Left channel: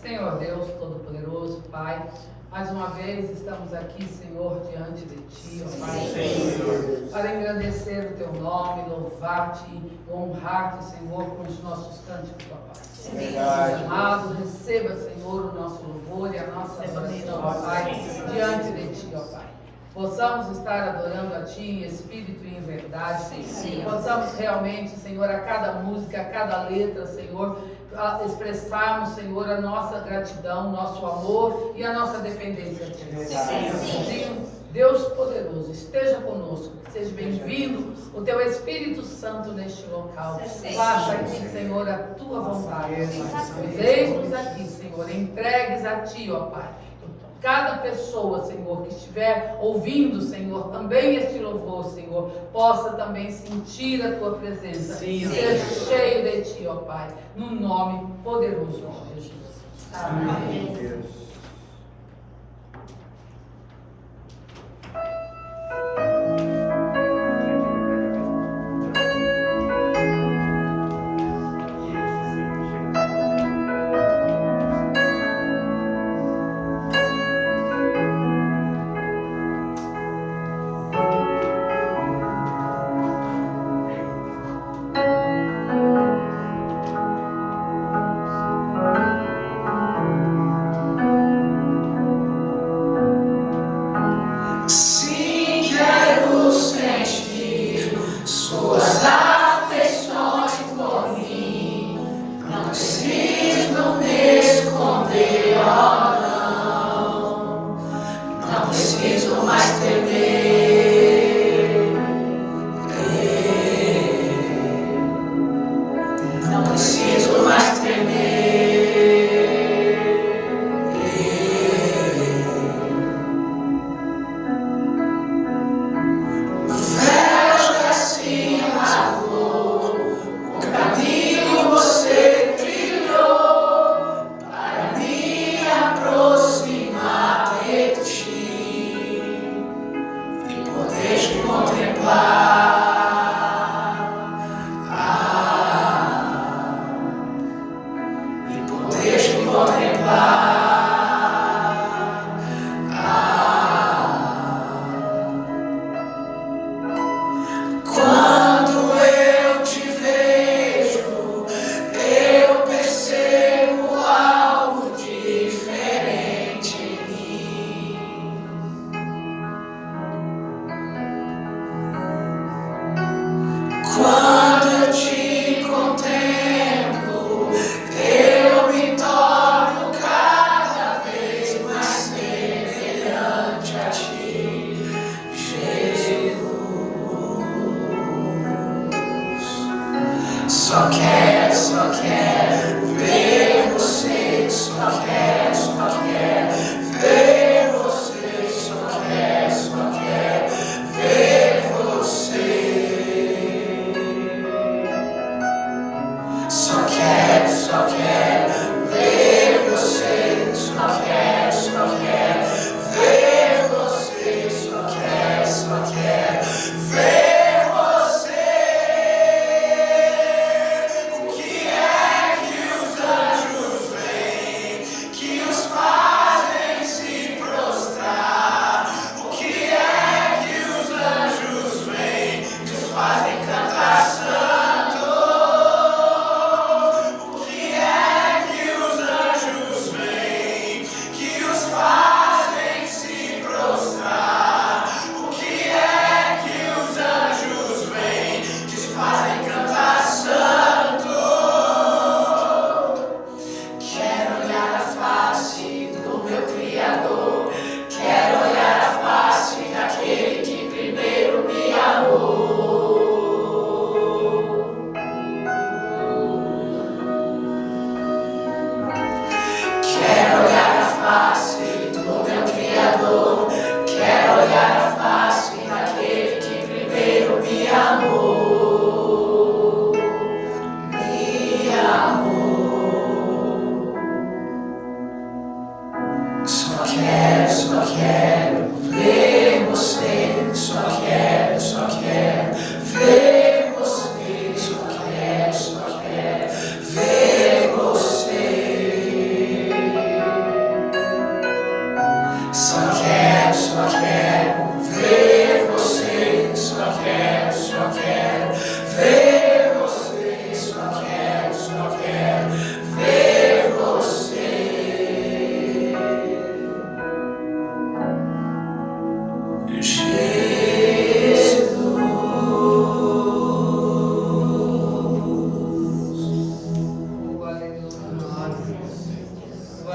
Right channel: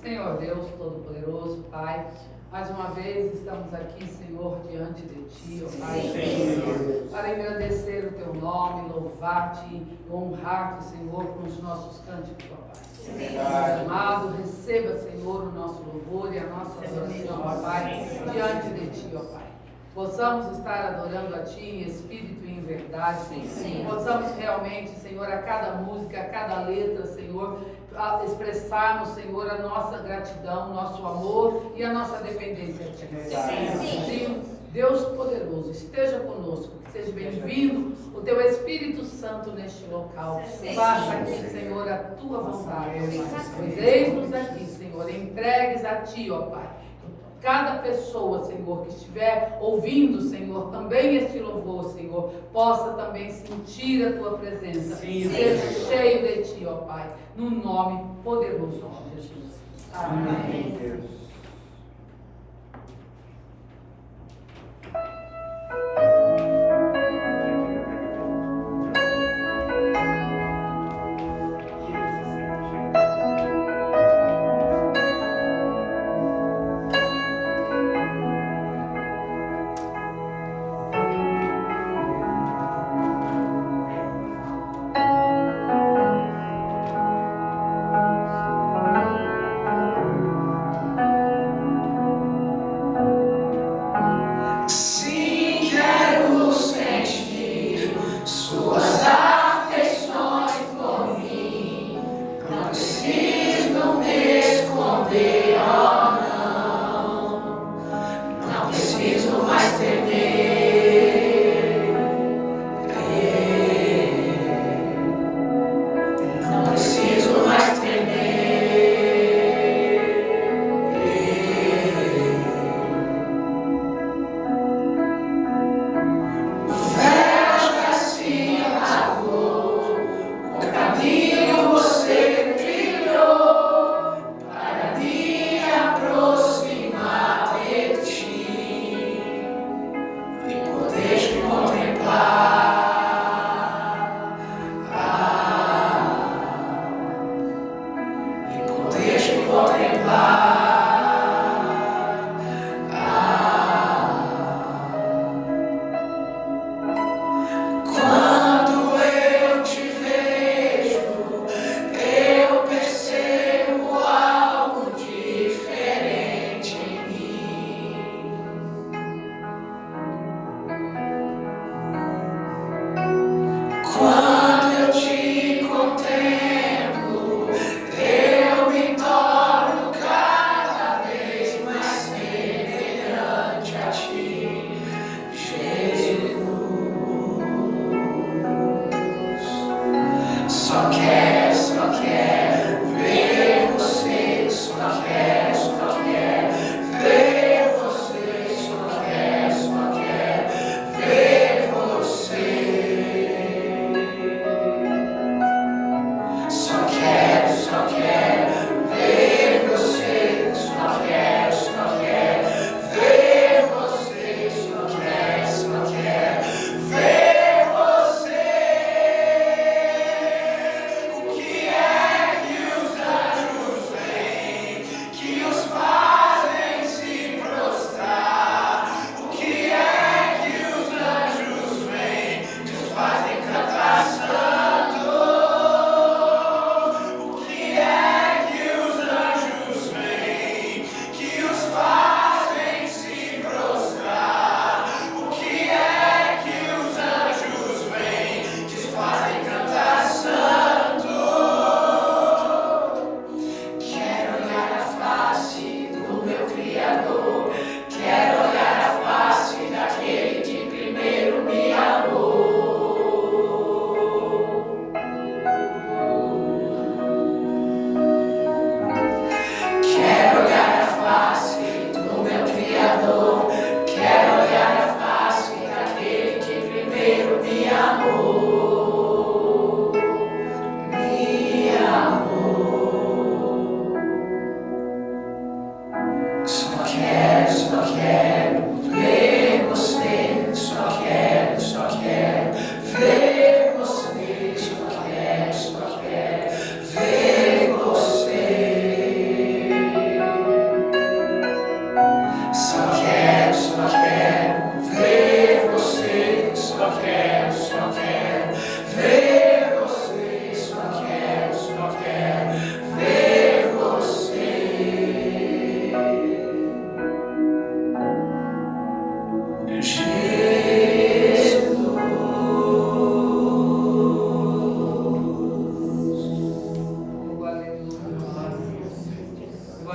Senhor Deus Todo-Poderoso, Pai, mais uma vez estamos aqui, Senhor, diante de Ti, ó Pai, para engrandecer o Teu nome, louvar-Te e honrar-Te, Senhor, com os nossos cânticos, ó Pai. Deus amado, receba, Senhor, o nosso louvor e a nossa adoração, ó Pai, diante de Ti, ó Pai. Possamos estar adorando a Ti em espírito e em verdade, Senhor. Possamos realmente, Senhor, a cada música, a cada letra, Senhor, expressarmos, Senhor, a nossa gratidão, nosso amor e a nossa dependência de Ti. Deus poderoso, esteja conosco, que seja bem-vindo o Teu Espírito Santo neste local. Faça aqui, Senhor, a Tua vontade, ó Pai. Eis-nos aqui, Senhor, entregues a Ti, ó Pai. Cada pessoa, Senhor, que estiver ouvindo, Senhor, também este louvor, Senhor, possa também sentir a Tua presença. Seja cheio de Ti, ó Pai, no nome poderoso de Jesus. Amém.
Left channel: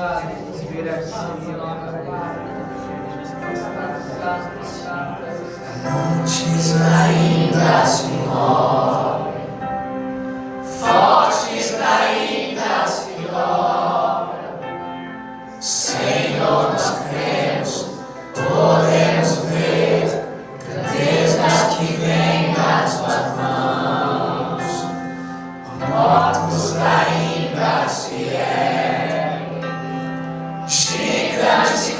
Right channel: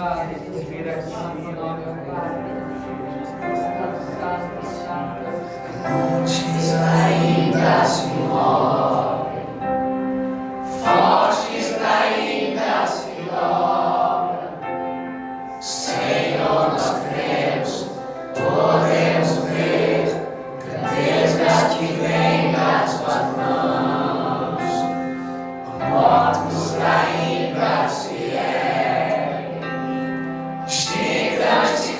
louvado por vir aqui, ó meu Pai. Santo, santo é o Senhor. Montes ainda se movem, fortes ainda se dobram. Senhor, nós cremos, podemos ver grandezas que vêm das tuas mãos. Mortos ainda se erguem, gigantes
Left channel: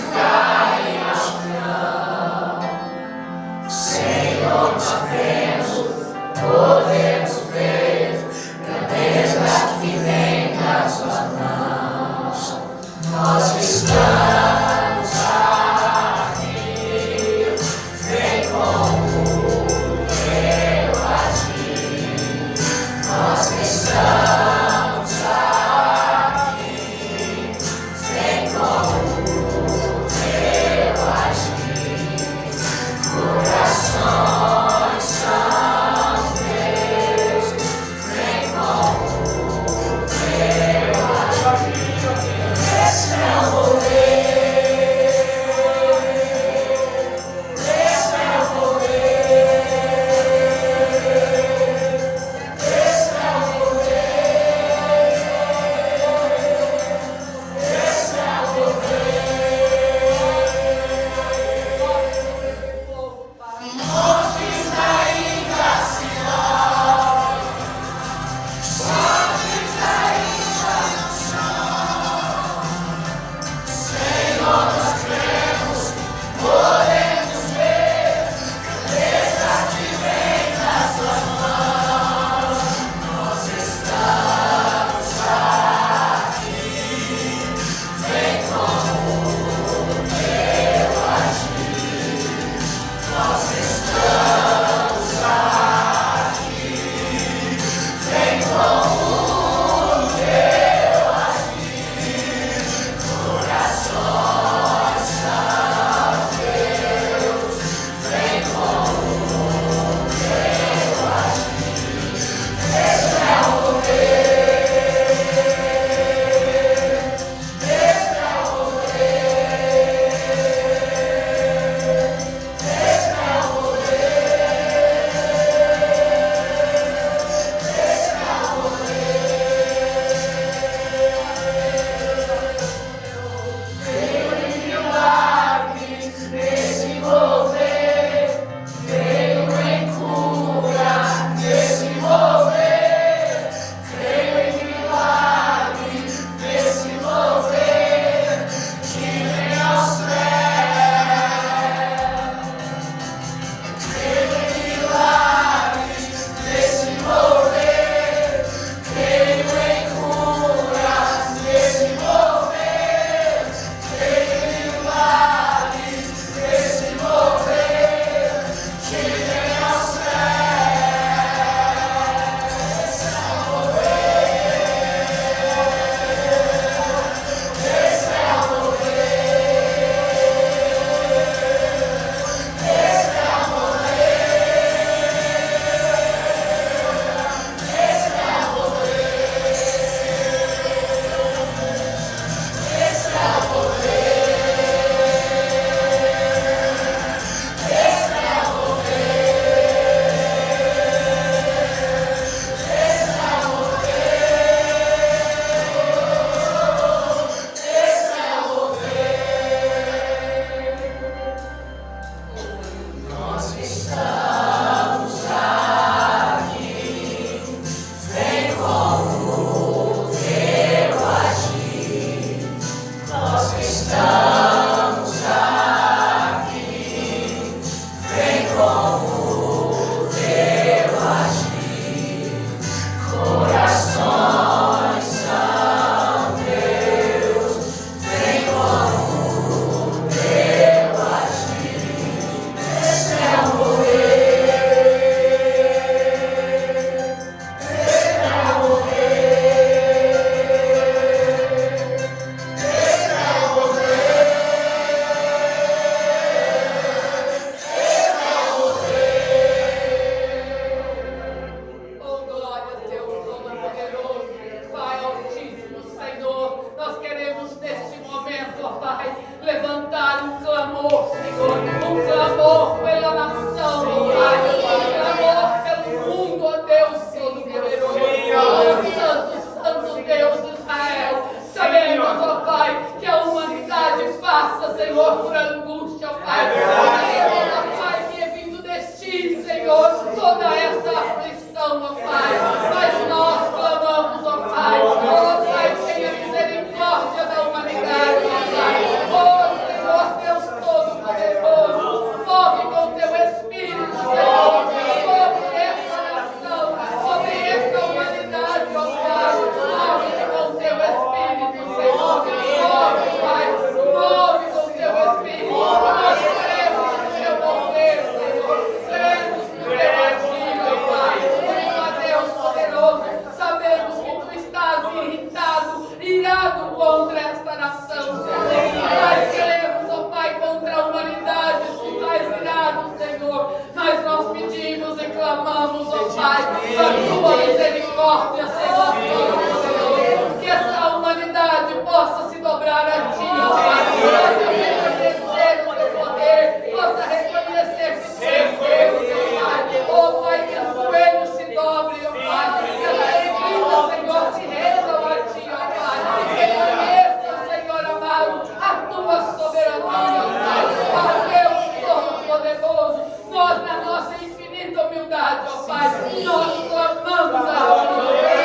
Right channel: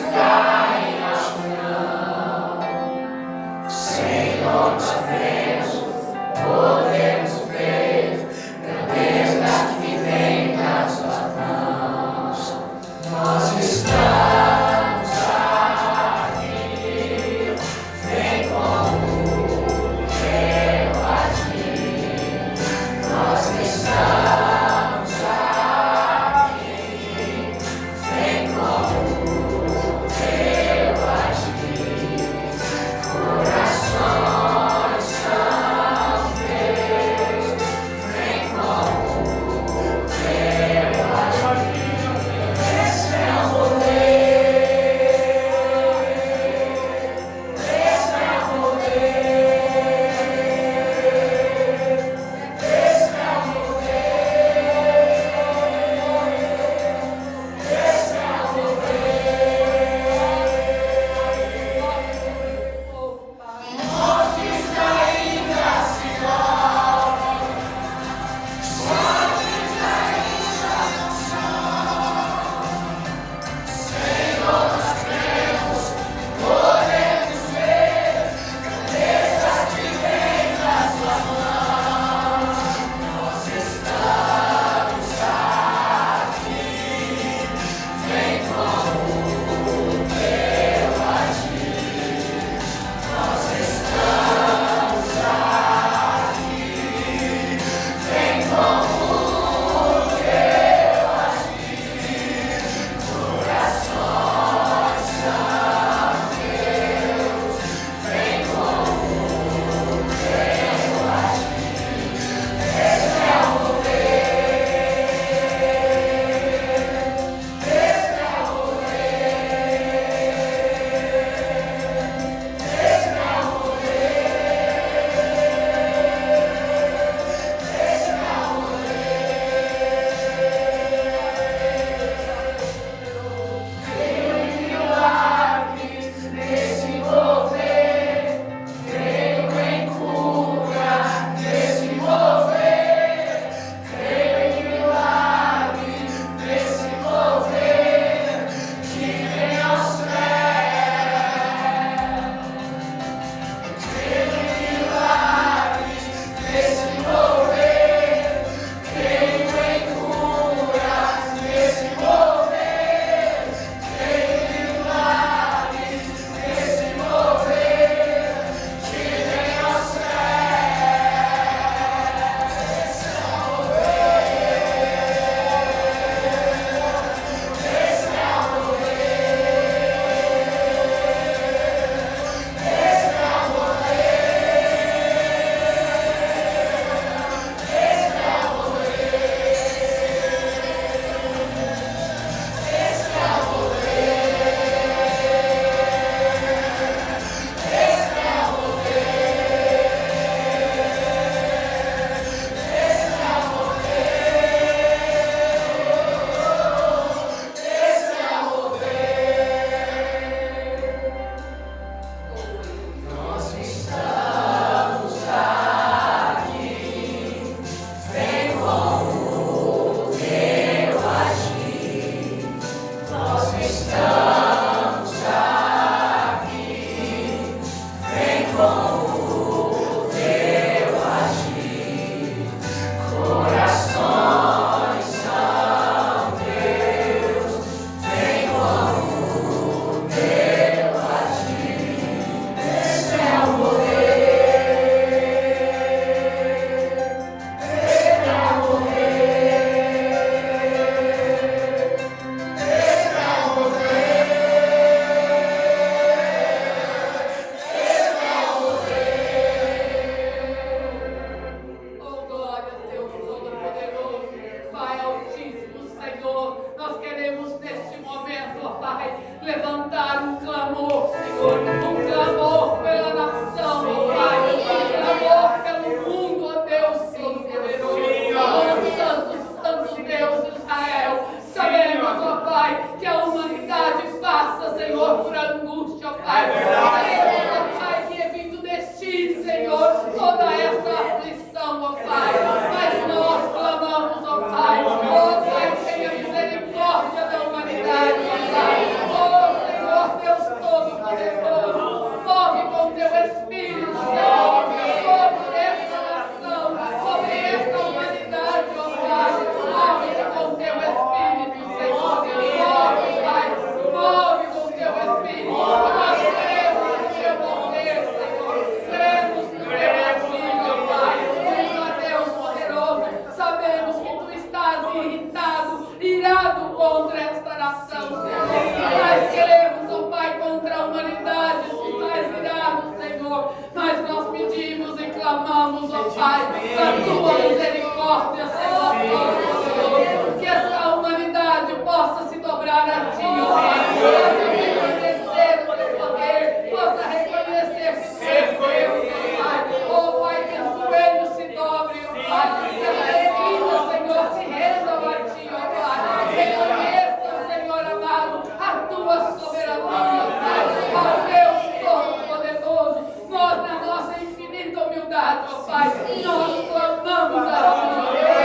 ó Pai, levantar um clamor, Senhor, um clamor pela nação, ó Pai, um clamor pelo mundo, ó Deus Todo-Poderoso, ó Santo Deus de Israel. Sabemos, ó Pai, que a humanidade passa, Senhor, por angústia, ó Pai. Sabemos, ó Pai, que é vindo de ti, Senhor, toda esta aflição, ó Pai. Mas nós clamamos, ó Pai, tenha misericórdia da humanidade, ó Pai. Oh, Senhor, Deus Todo-Poderoso, move com teu Espírito, Senhor, sobre esta nação, sobre esta humanidade, ó Pai. Move com teu Espírito, Senhor. Move, Pai, move com teu Espírito. Nós cremos no teu poder, Senhor. Cremos no teu agir, ó Pai. Ó Deus poderoso, sabemos que tu estás irado contra esta nação, Senhor. Nós queremos, ó Pai, contra a humanidade, tu estás irado, Senhor. Mas nós pedimos e clamamos, ó Pai, a tua misericórdia, Senhor Todo-Poderoso, que esta humanidade possa se dobrar a ti, ó Pai, possa reconhecer o teu poder, possa reconhecer que tu és Deus, ó Pai. Ó Pai, que os joelhos se dobrem, ó Pai, que as vidas, Senhor, se rendam a ti, ó Pai. Reconheçam, Senhor amado, a tua soberania, ó Pai. Ó Deus Todo-Poderoso, nós na nossa infinita humildade, ó Pai, nós clamamos a ti, ó Pai.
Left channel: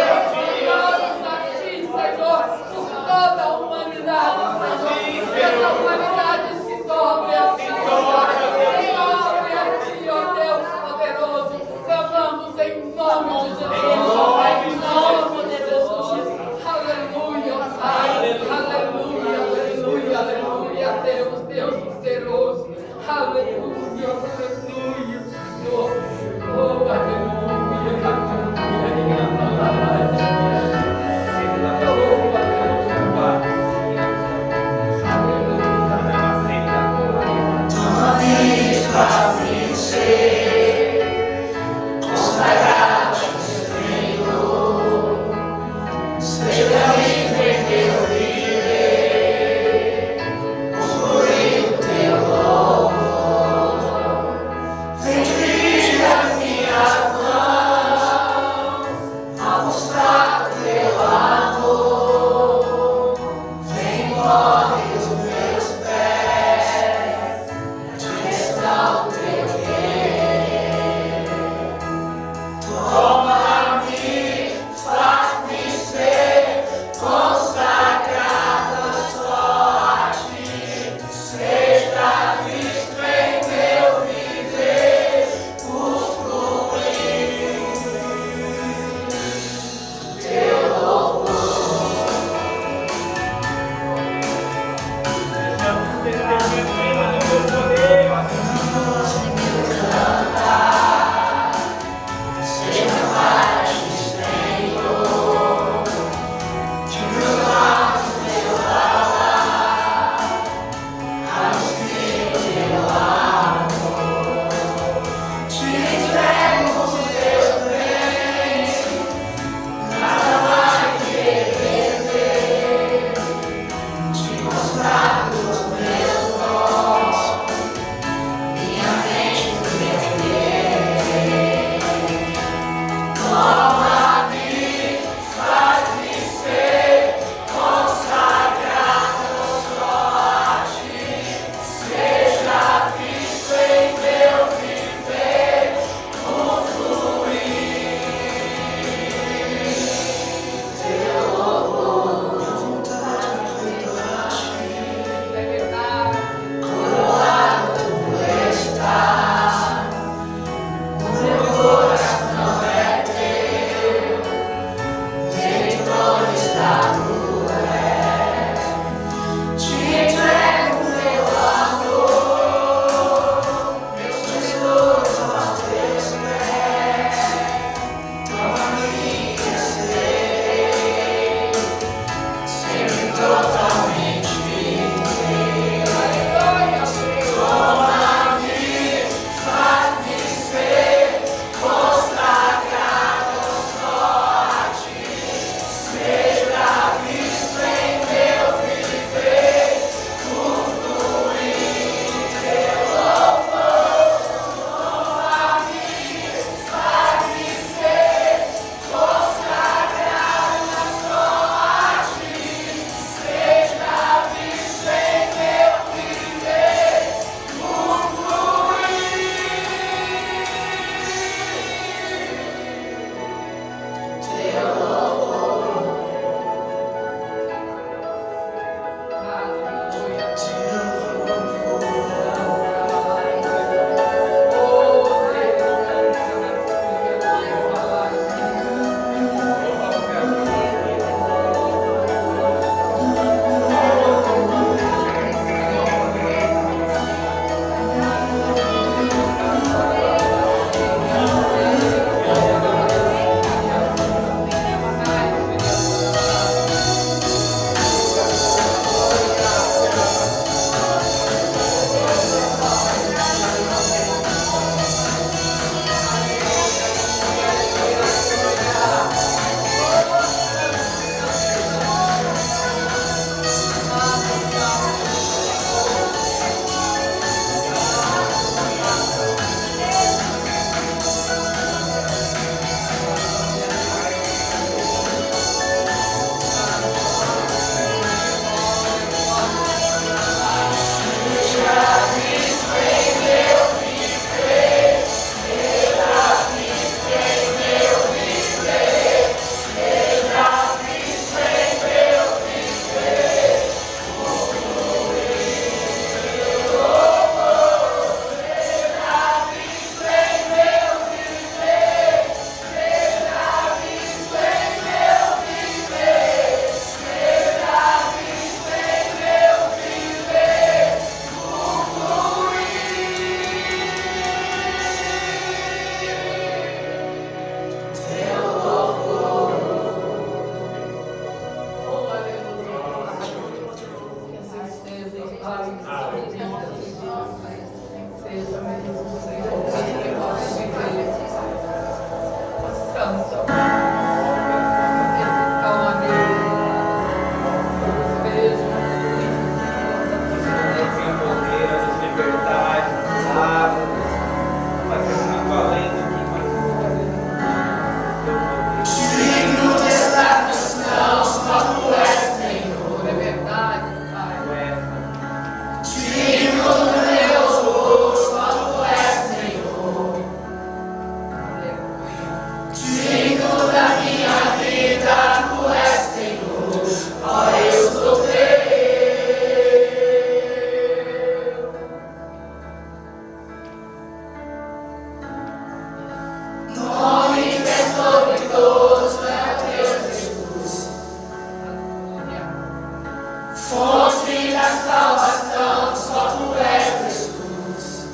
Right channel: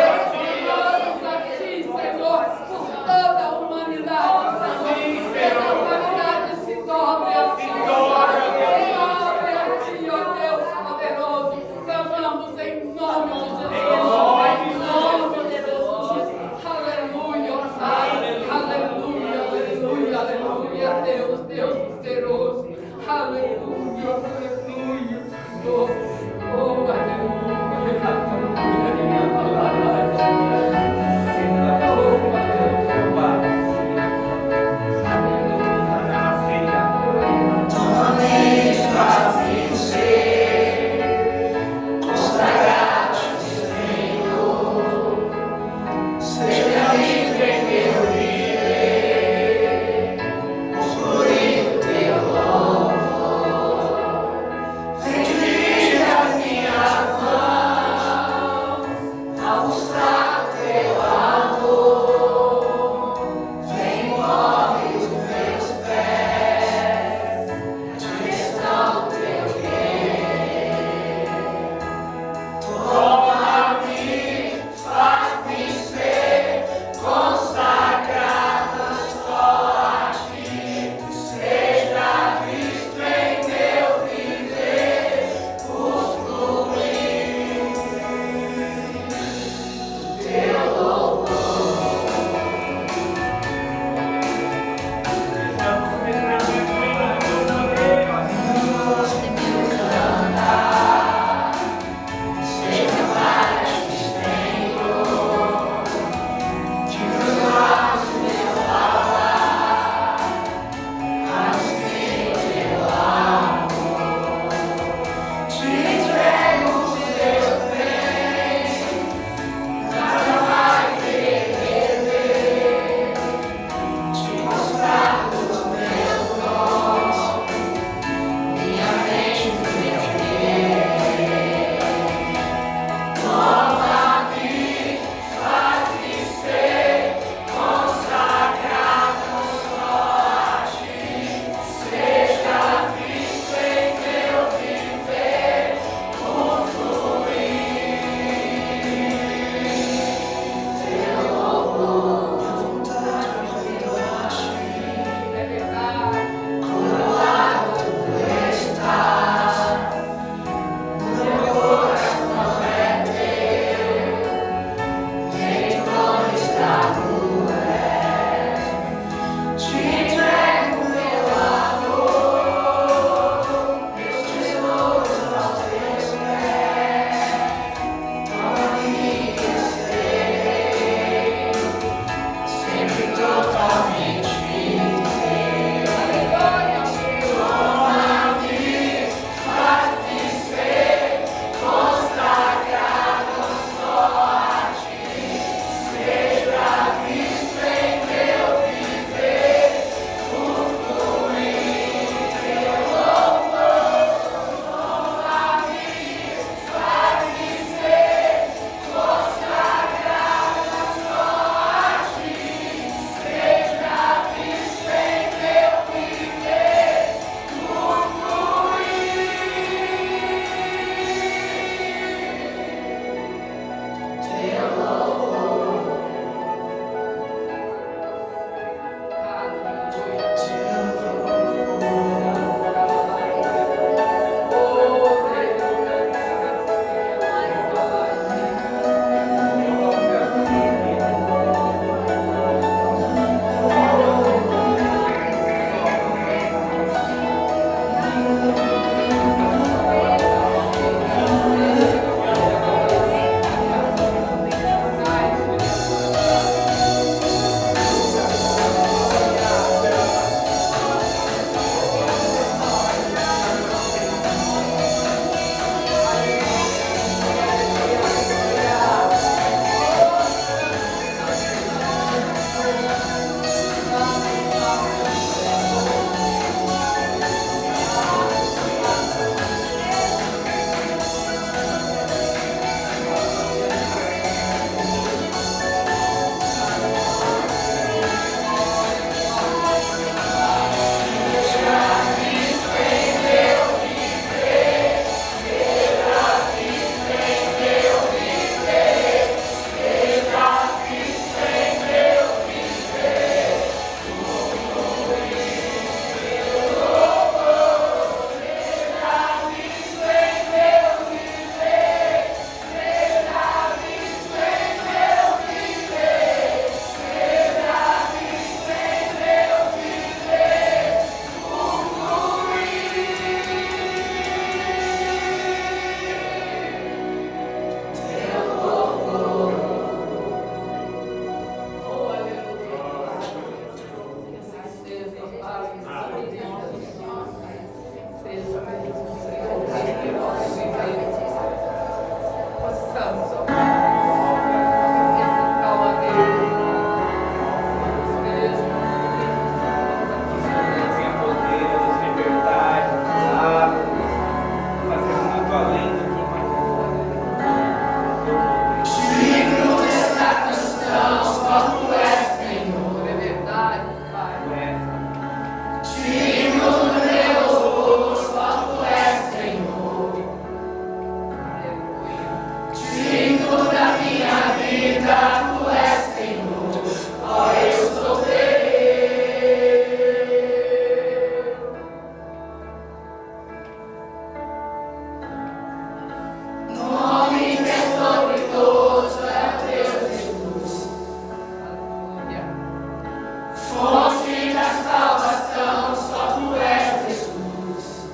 Fonte da salvação, só tu és Jesus.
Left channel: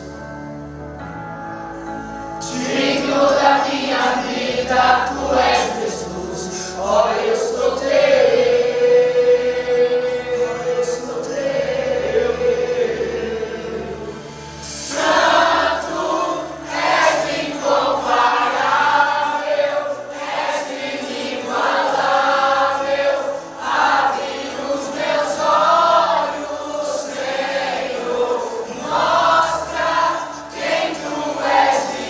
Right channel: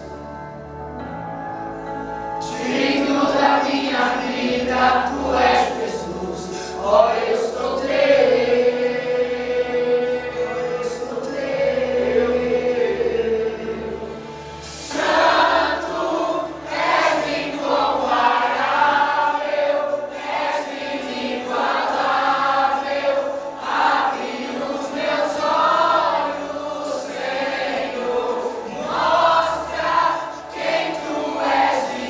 Digno da minha vida, tu és Jesus. Ó, eu sou teu, eu sou teu. Santo, és incomparável, és inigualável. Abre os meus olhos, Senhor. Mostra quem tu és e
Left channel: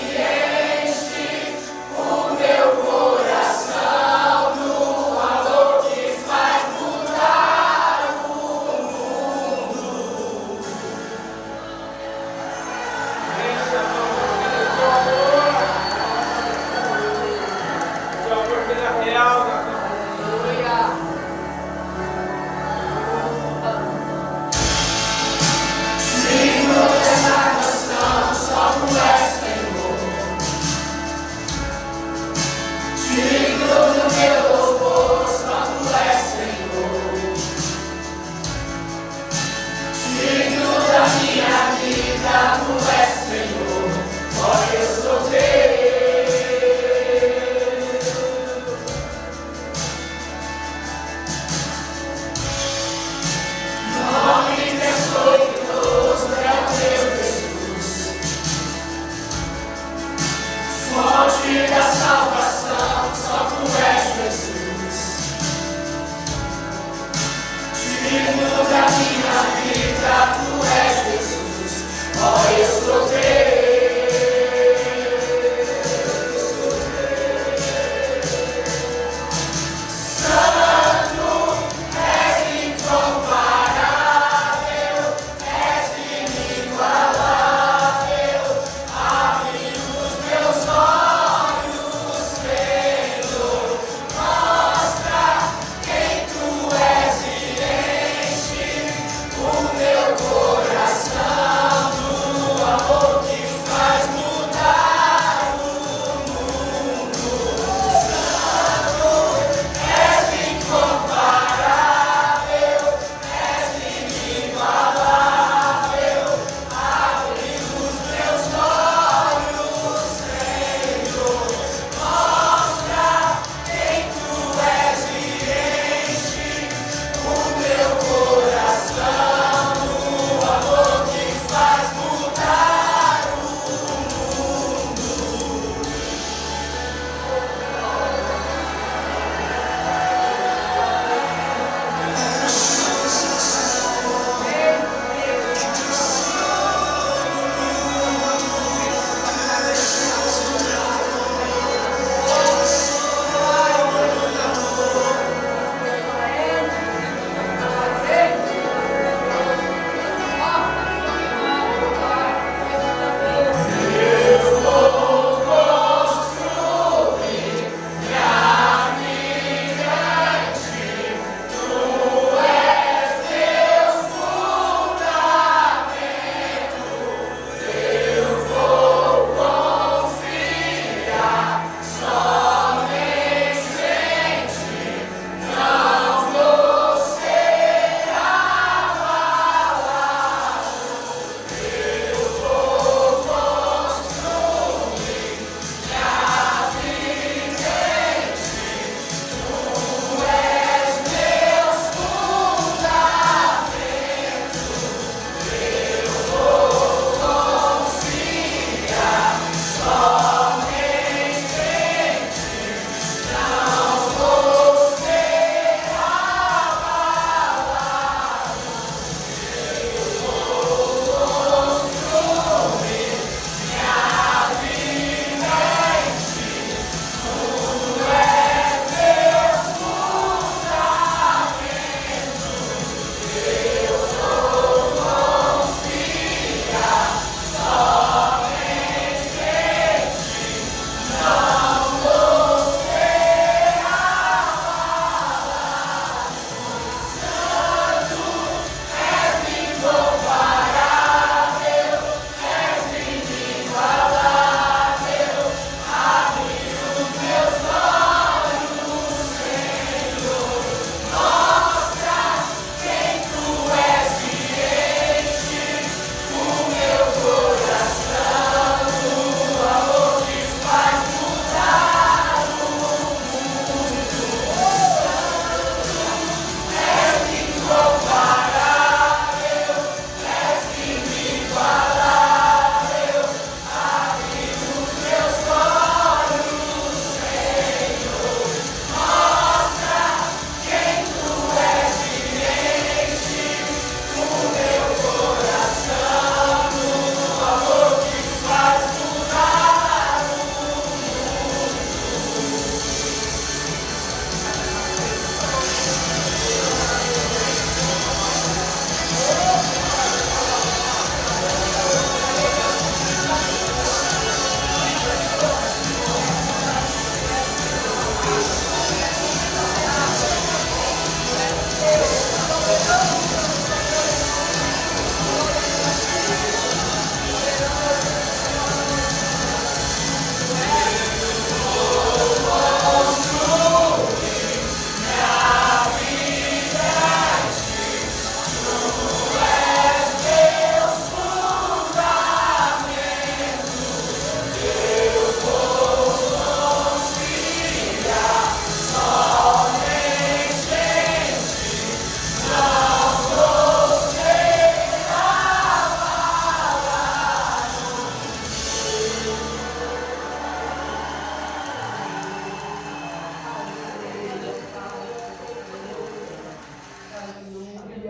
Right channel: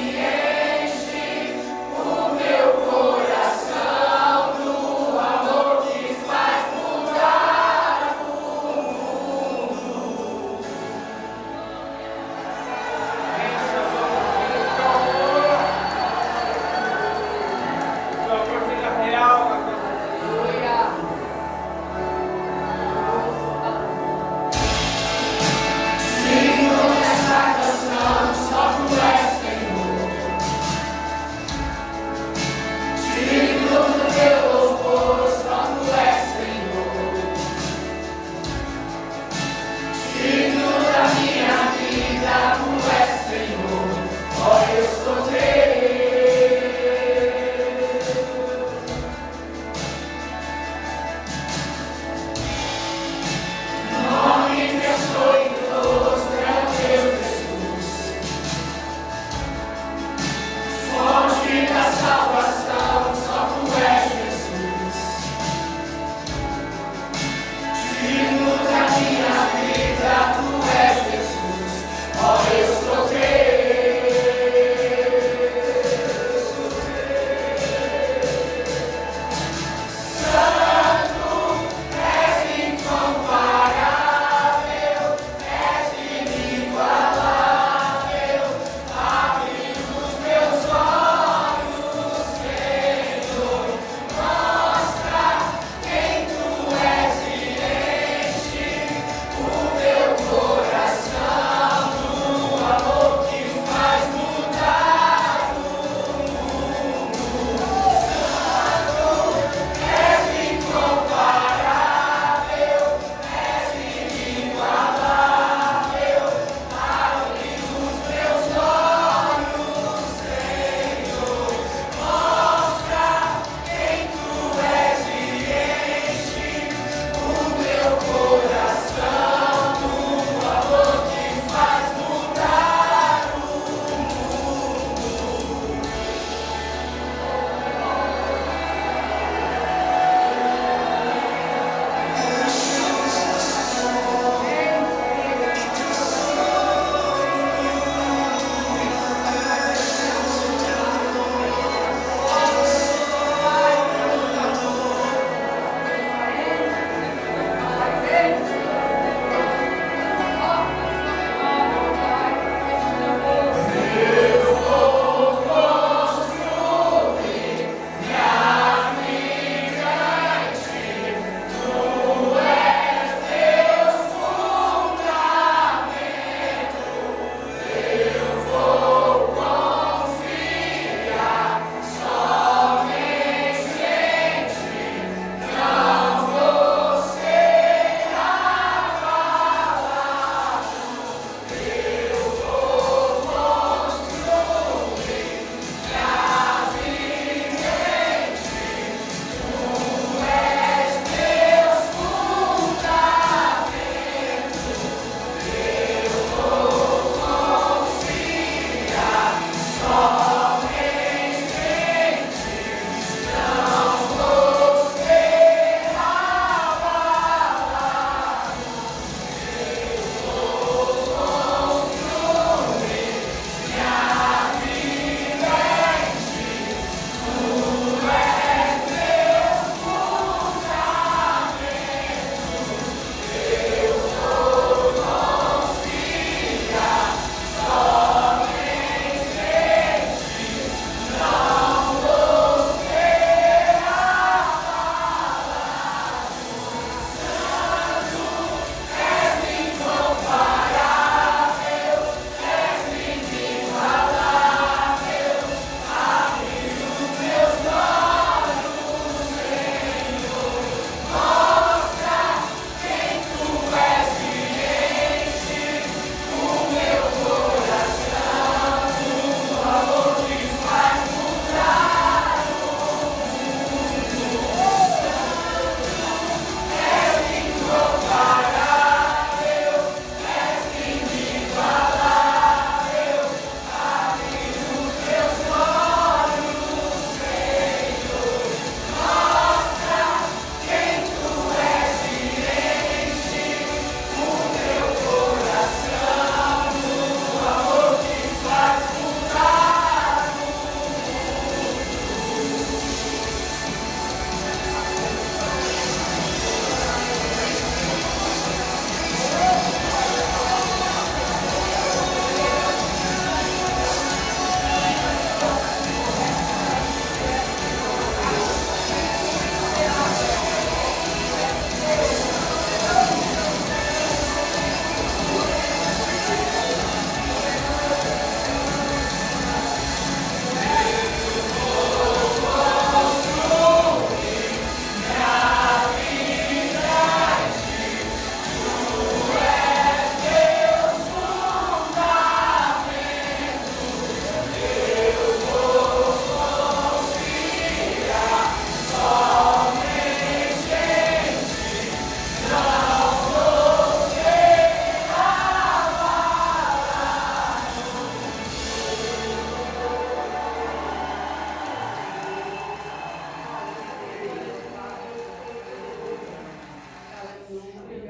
enche o meu coração do amor que faz mudar o mundo. Digno dessa canção, só tu és, Senhor. Digno do meu louvor, só tu és, Senhor. Digno da minha vida, tu és, Senhor. Ó, eu sou teu. Nome glorioso é o teu Jesus. Fonte da salvação, só tu és Jesus. Digno da minha vida, tu és Jesus. Ó, eu sou teu. Santo, és incomparável, és inigualável. Abre os meus olhos, Senhor. Mostra quem tu és e enche o meu coração do amor que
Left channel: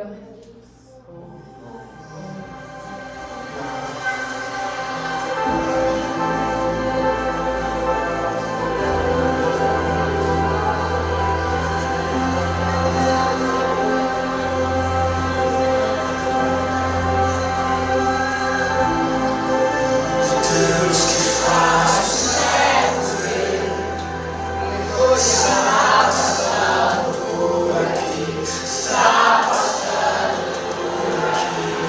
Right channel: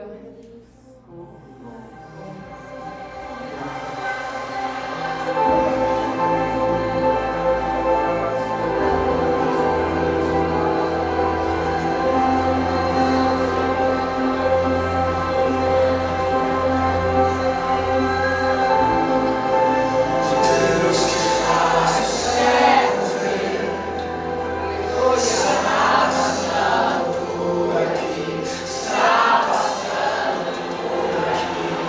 Aleluia. Está passando por aqui.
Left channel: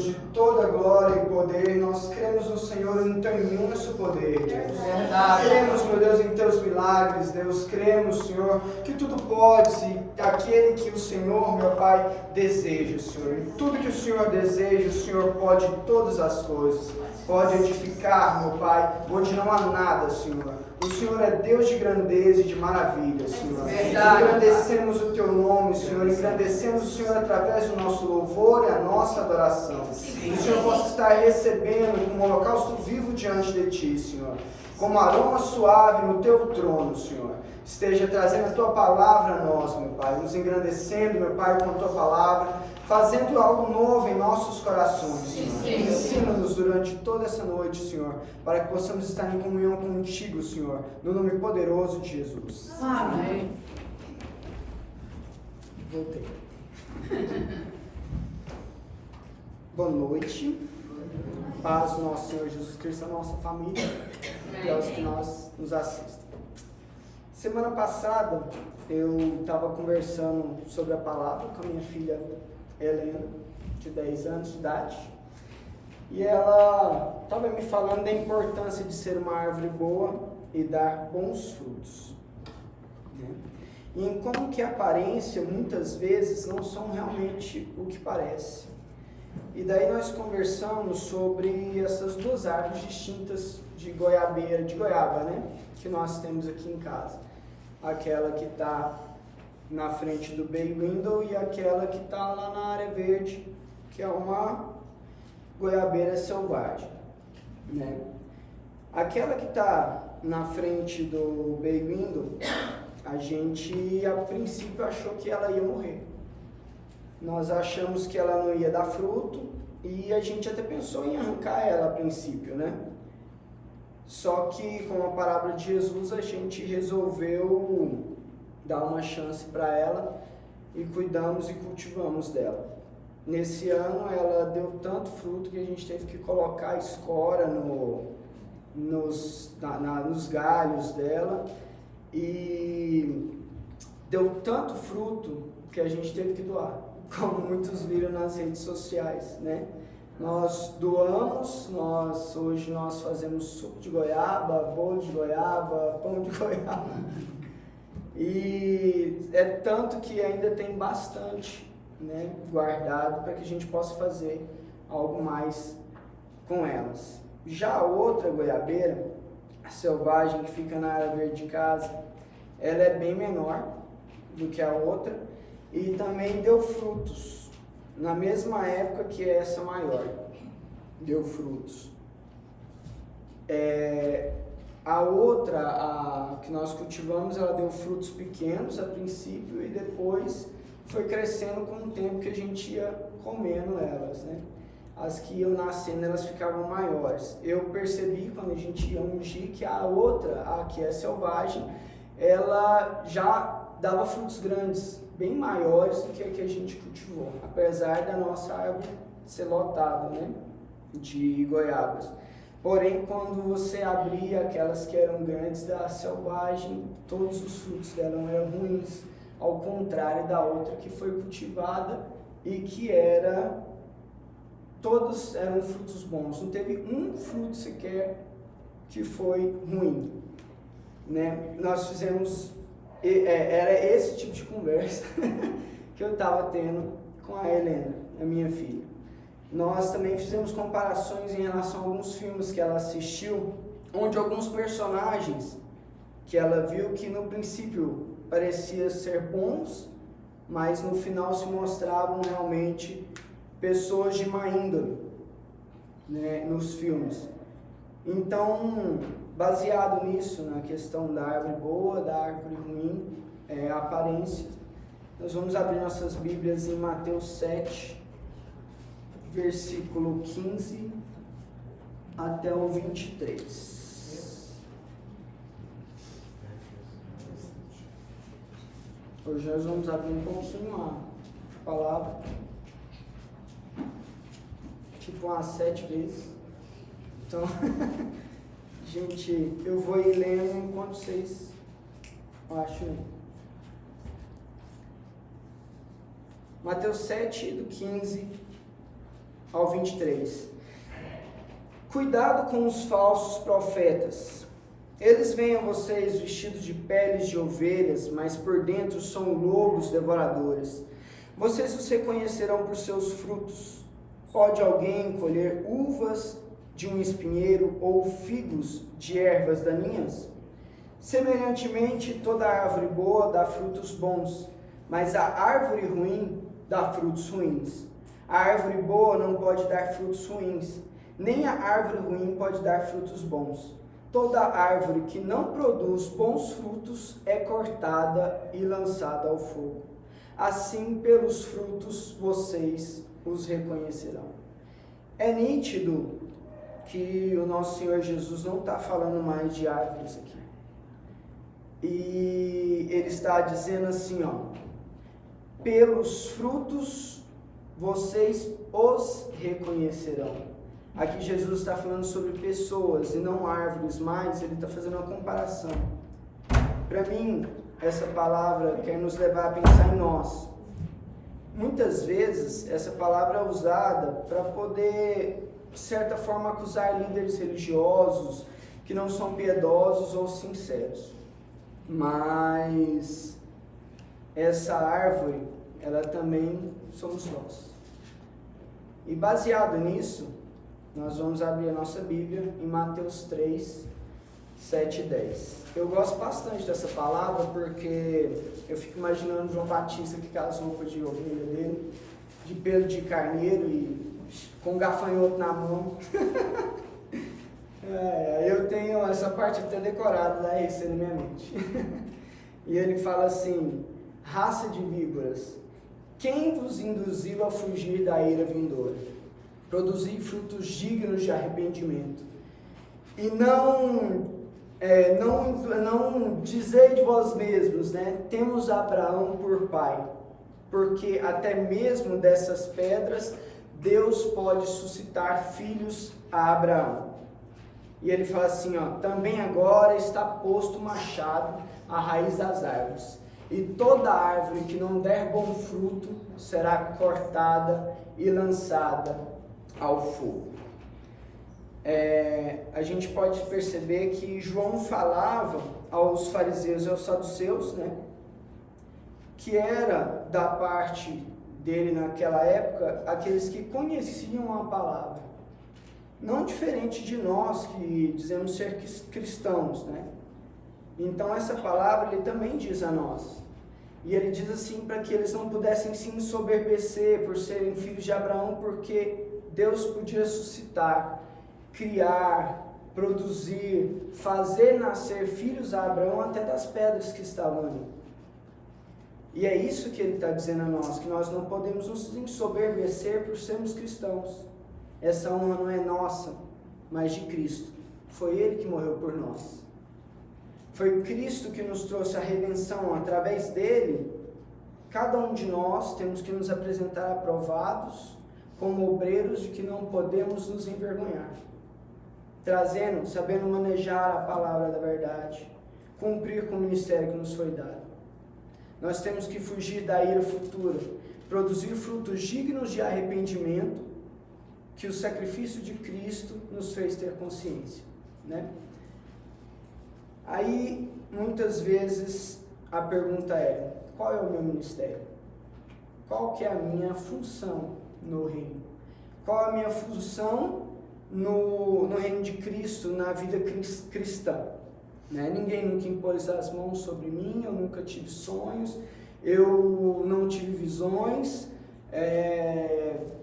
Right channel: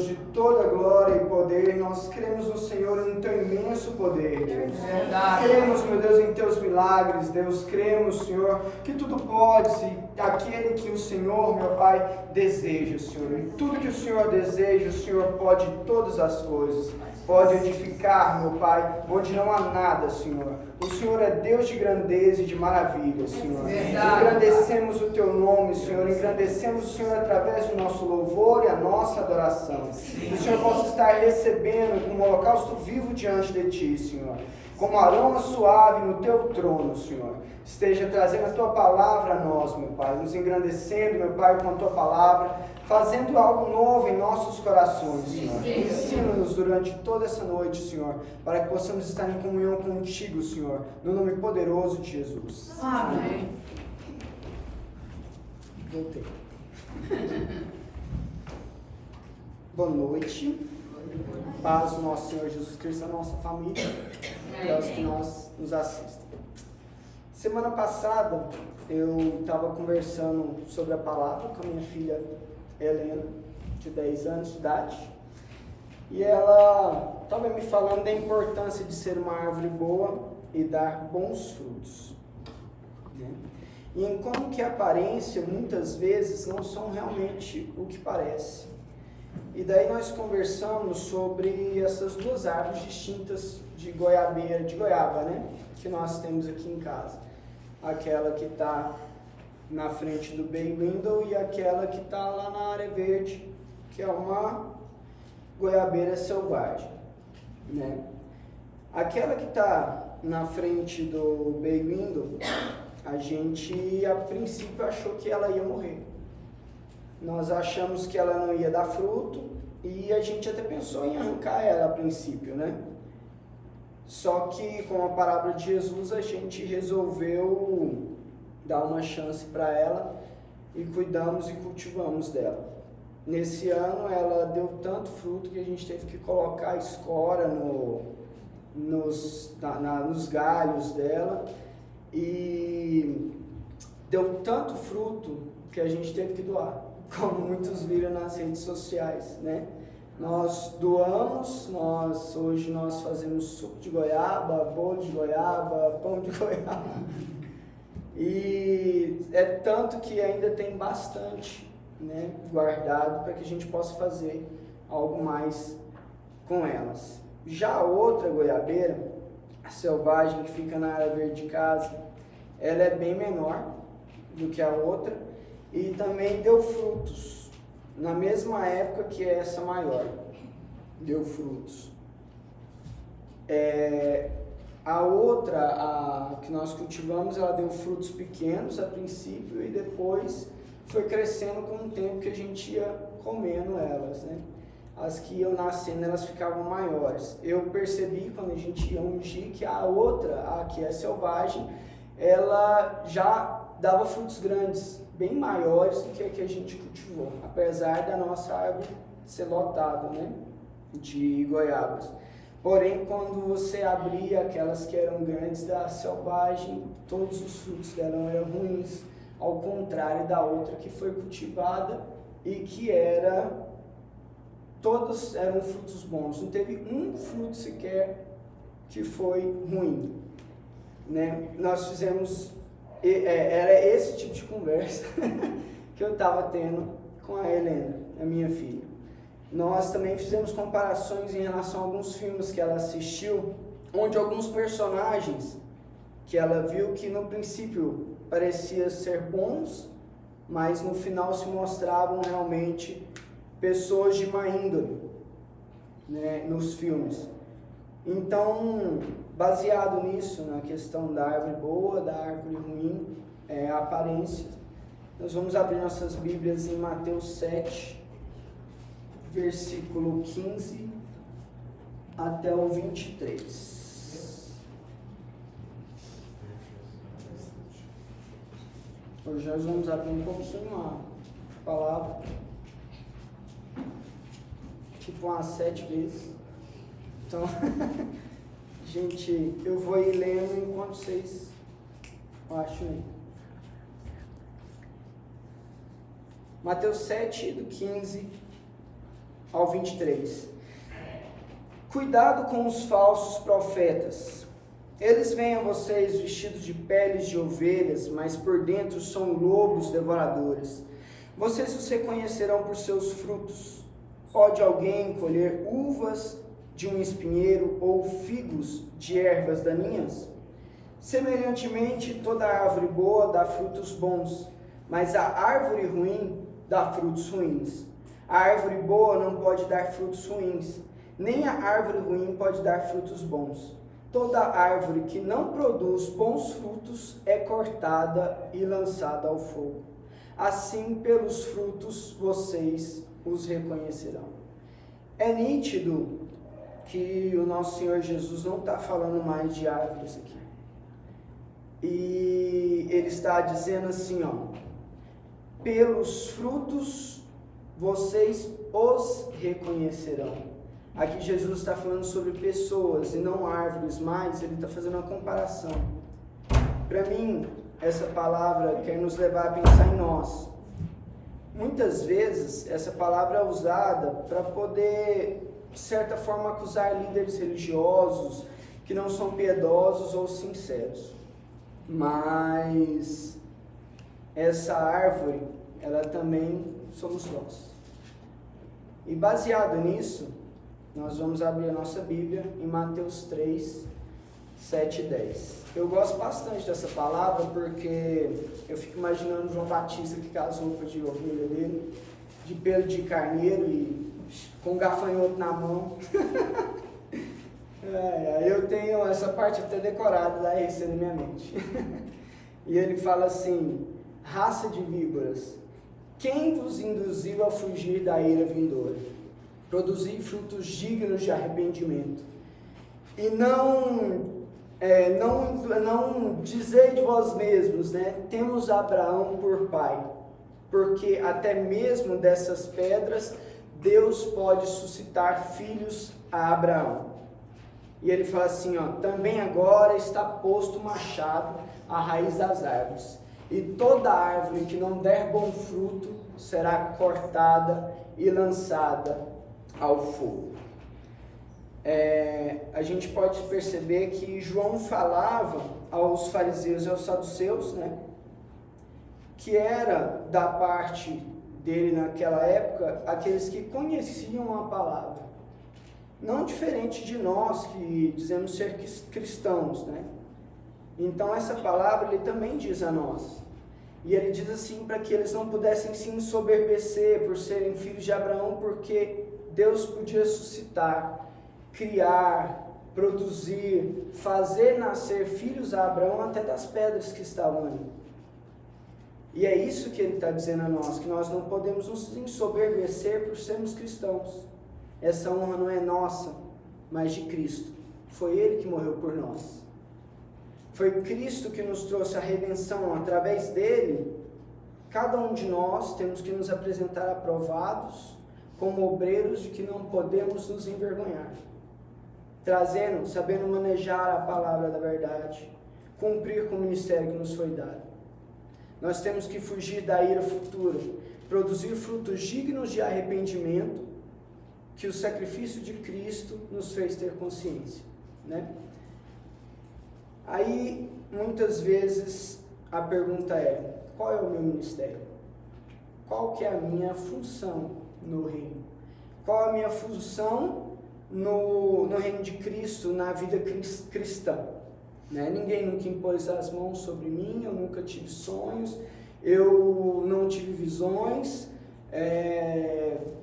Deus de toda glória e poder, nós cremos no Senhor e no teu imenso poder, Deus. Cremos, meu Deus, em teus milagres, Deus. Cremos, Senhor, que tudo podes e aquele que o Senhor, meu Pai, deseja, Senhor. Em tudo que o Senhor deseja, o Senhor pode todas as coisas. Pode edificar, meu Pai, onde não há nada, Senhor. O Senhor é Deus de grandeza e de maravilha, Senhor. Engrandecemos o teu nome, Senhor. Engrandecemos o Senhor através do nosso louvor e a nossa adoração. Que o Senhor possa estar recebendo como holocausto vivo diante de ti, Senhor. Como aroma suave no teu trono, Senhor. Esteja trazendo a tua palavra a nós, meu Pai. Nos engrandecendo, meu Pai, com a tua palavra. Fazendo algo novo em nossos corações, Senhor. Ensina-nos durante toda essa noite, Senhor, para que possamos estar em comunhão contigo, Senhor, no nome poderoso de Jesus. Amém. Voltei. Boa noite. Paz do nosso Senhor Jesus Cristo, a nossa família e aos que nos assistem. Semana passada, eu estava conversando sobre a palavra com a minha filha Helena, de 10 anos de idade, e ela estava me falando da importância de ser uma árvore boa e dar bons frutos, né? E em como que a aparência muitas vezes não são realmente o que parece. E daí nós conversamos sobre essas duas árvores distintas de goiaba, né? Que nós temos aqui em casa. Aquela que está na frente do bay window e aquela que está lá na área verde, que é uma goiabeira selvagem, né? Aquela que está na frente do bay window, a gente a princípio achou que ela ia morrer. Nós achamos que ela não ia dar fruto e a gente até pensou em arrancar ela a princípio, né? Só que com a parábola de Jesus a gente resolveu dar uma chance para ela e cuidamos e cultivamos dela. Nesse ano ela deu tanto fruto que a gente teve que colocar escora nos galhos dela e deu tanto fruto que a gente teve que doar, como muitos viram nas redes sociais, né? Nós doamos, hoje nós fazemos suco de goiaba, bolo de goiaba, pão de goiaba. E é tanto que ainda tem bastante, né, guardado para que a gente possa fazer algo mais com elas. Já a outra goiabeira, a selvagem que fica na área verde de casa, ela é bem menor do que a outra e também deu frutos na mesma época que essa maior deu frutos. A outra, a que nós cultivamos, ela deu frutos pequenos a princípio e depois foi crescendo com o tempo que a gente ia comendo elas, né? As que iam nascendo, elas ficavam maiores. Eu percebi quando a gente ia ungir que a outra, a que é selvagem, ela já dava frutos grandes, bem maiores do que a gente cultivou, apesar da nossa árvore ser lotada, né, de goiabas. Porém, quando você abria aquelas que eram grandes da selvagem, todos os frutos dela eram ruins, ao contrário da outra que foi cultivada e que todos eram frutos bons. Não teve um fruto sequer que foi ruim, né? Nós fizemos, era esse tipo de conversa que eu estava tendo com a Helena, a minha filha. Nós também fizemos comparações em relação a alguns filmes que ela assistiu, onde alguns personagens que ela viu que no princípio pareciam ser bons, mas no final se mostravam realmente pessoas de má índole, né, nos filmes. Então, baseado nisso, na questão da árvore boa, da árvore ruim, a aparência, nós vamos abrir nossas Bíblias em Mateus 7, versículo 15 até o 23. Hoje nós vamos abrir um pouquinho a palavra, tipo umas 7 vezes. Então, gente, eu vou ir lendo enquanto vocês acham aí. Mateus 7, do 15 ao 23. Cuidado com os falsos profetas. Eles vêm a vocês vestidos de peles de ovelhas, mas por dentro são lobos devoradores. Vocês os reconhecerão por seus frutos. Pode alguém colher uvas de um espinheiro ou figos de ervas daninhas? Semelhantemente, toda árvore boa dá frutos bons, mas a árvore ruim dá frutos ruins. A árvore boa não pode dar frutos ruins, nem a árvore ruim pode dar frutos bons. Toda árvore que não produz bons frutos é cortada e lançada ao fogo. Assim, pelos frutos vocês os reconhecerão. É nítido que o nosso Senhor Jesus não está falando mais de árvores aqui. E ele está dizendo assim, ó, pelos frutos vocês os reconhecerão. Aqui Jesus está falando sobre pessoas e não árvores, mas ele está fazendo uma comparação. Para mim, essa palavra quer nos levar a pensar em nós. Muitas vezes, essa palavra é usada para poder, de certa forma, acusar líderes religiosos que não são piedosos ou sinceros. Mas essa árvore, ela também somos nós. E baseado nisso, nós vamos abrir a nossa Bíblia em Mateus 3, 7 e 10. Eu gosto bastante dessa palavra porque eu fico imaginando João Batista aqui com as roupas de ovelha dele, de pelo de carneiro e com um gafanhoto na mão. Eu tenho essa parte até decorada da RC na minha mente. E ele fala assim: raça de víboras, quem vos induziu a fugir da ira vindoura? Produzir frutos dignos de arrependimento. E não dizei de vós mesmos, né? Temos Abraão por pai, porque até mesmo dessas pedras Deus pode suscitar filhos a Abraão. E ele fala assim, ó, também agora está posto o machado à raiz das árvores, e toda árvore que não der bom fruto será cortada e lançada ao fogo. A gente pode perceber que João falava aos fariseus e aos saduceus, né, que era da parte dele naquela época aqueles que conheciam a palavra, não diferente de nós que dizemos ser cristãos, né? Então essa palavra ele também diz a nós. E ele diz assim para que eles não pudessem se ensoberbecer por serem filhos de Abraão, porque Deus podia suscitar, criar, produzir, fazer nascer filhos a Abraão até das pedras que estavam ali. E é isso que ele está dizendo a nós, que nós não podemos nos ensoberbecer por sermos cristãos. Essa honra não é nossa, mas de Cristo. Foi Ele que morreu por nós. Foi Cristo que nos trouxe a redenção. Através dele, cada um de nós temos que nos apresentar aprovados como obreiros de que não podemos nos envergonhar. Trazendo, sabendo manejar a palavra da verdade, cumprir com o ministério que nos foi dado. Nós temos que fugir da ira futura, produzir frutos dignos de arrependimento, que o sacrifício de Cristo nos fez ter consciência, né? Aí, muitas vezes, a pergunta é, qual é o meu ministério? Qual que é a minha função no reino? Qual é a minha função no reino de Cristo, na vida cristã? Né? Ninguém nunca impôs as mãos sobre mim, eu nunca tive sonhos, eu não tive visões,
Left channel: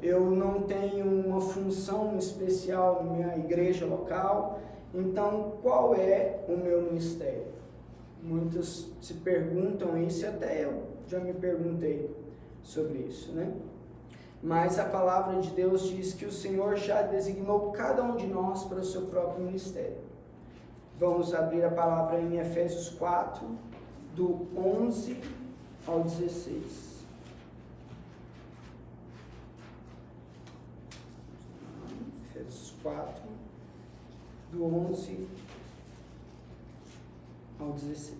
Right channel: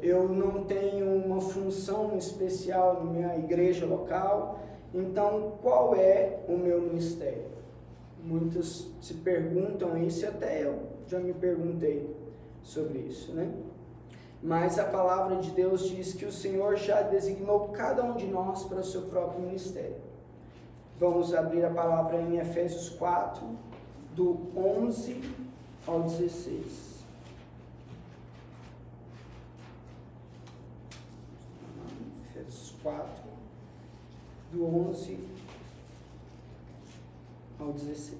eu não tenho uma função especial na minha igreja local. Então, qual é o meu ministério? Muitos se perguntam isso, e até eu já me perguntei sobre isso, né? Mas a palavra de Deus diz que o Senhor já designou cada um de nós para o seu próprio ministério. Vamos abrir a palavra em Efésios 4, do 11 ao 16. Efésios 4, do 11 ao 16.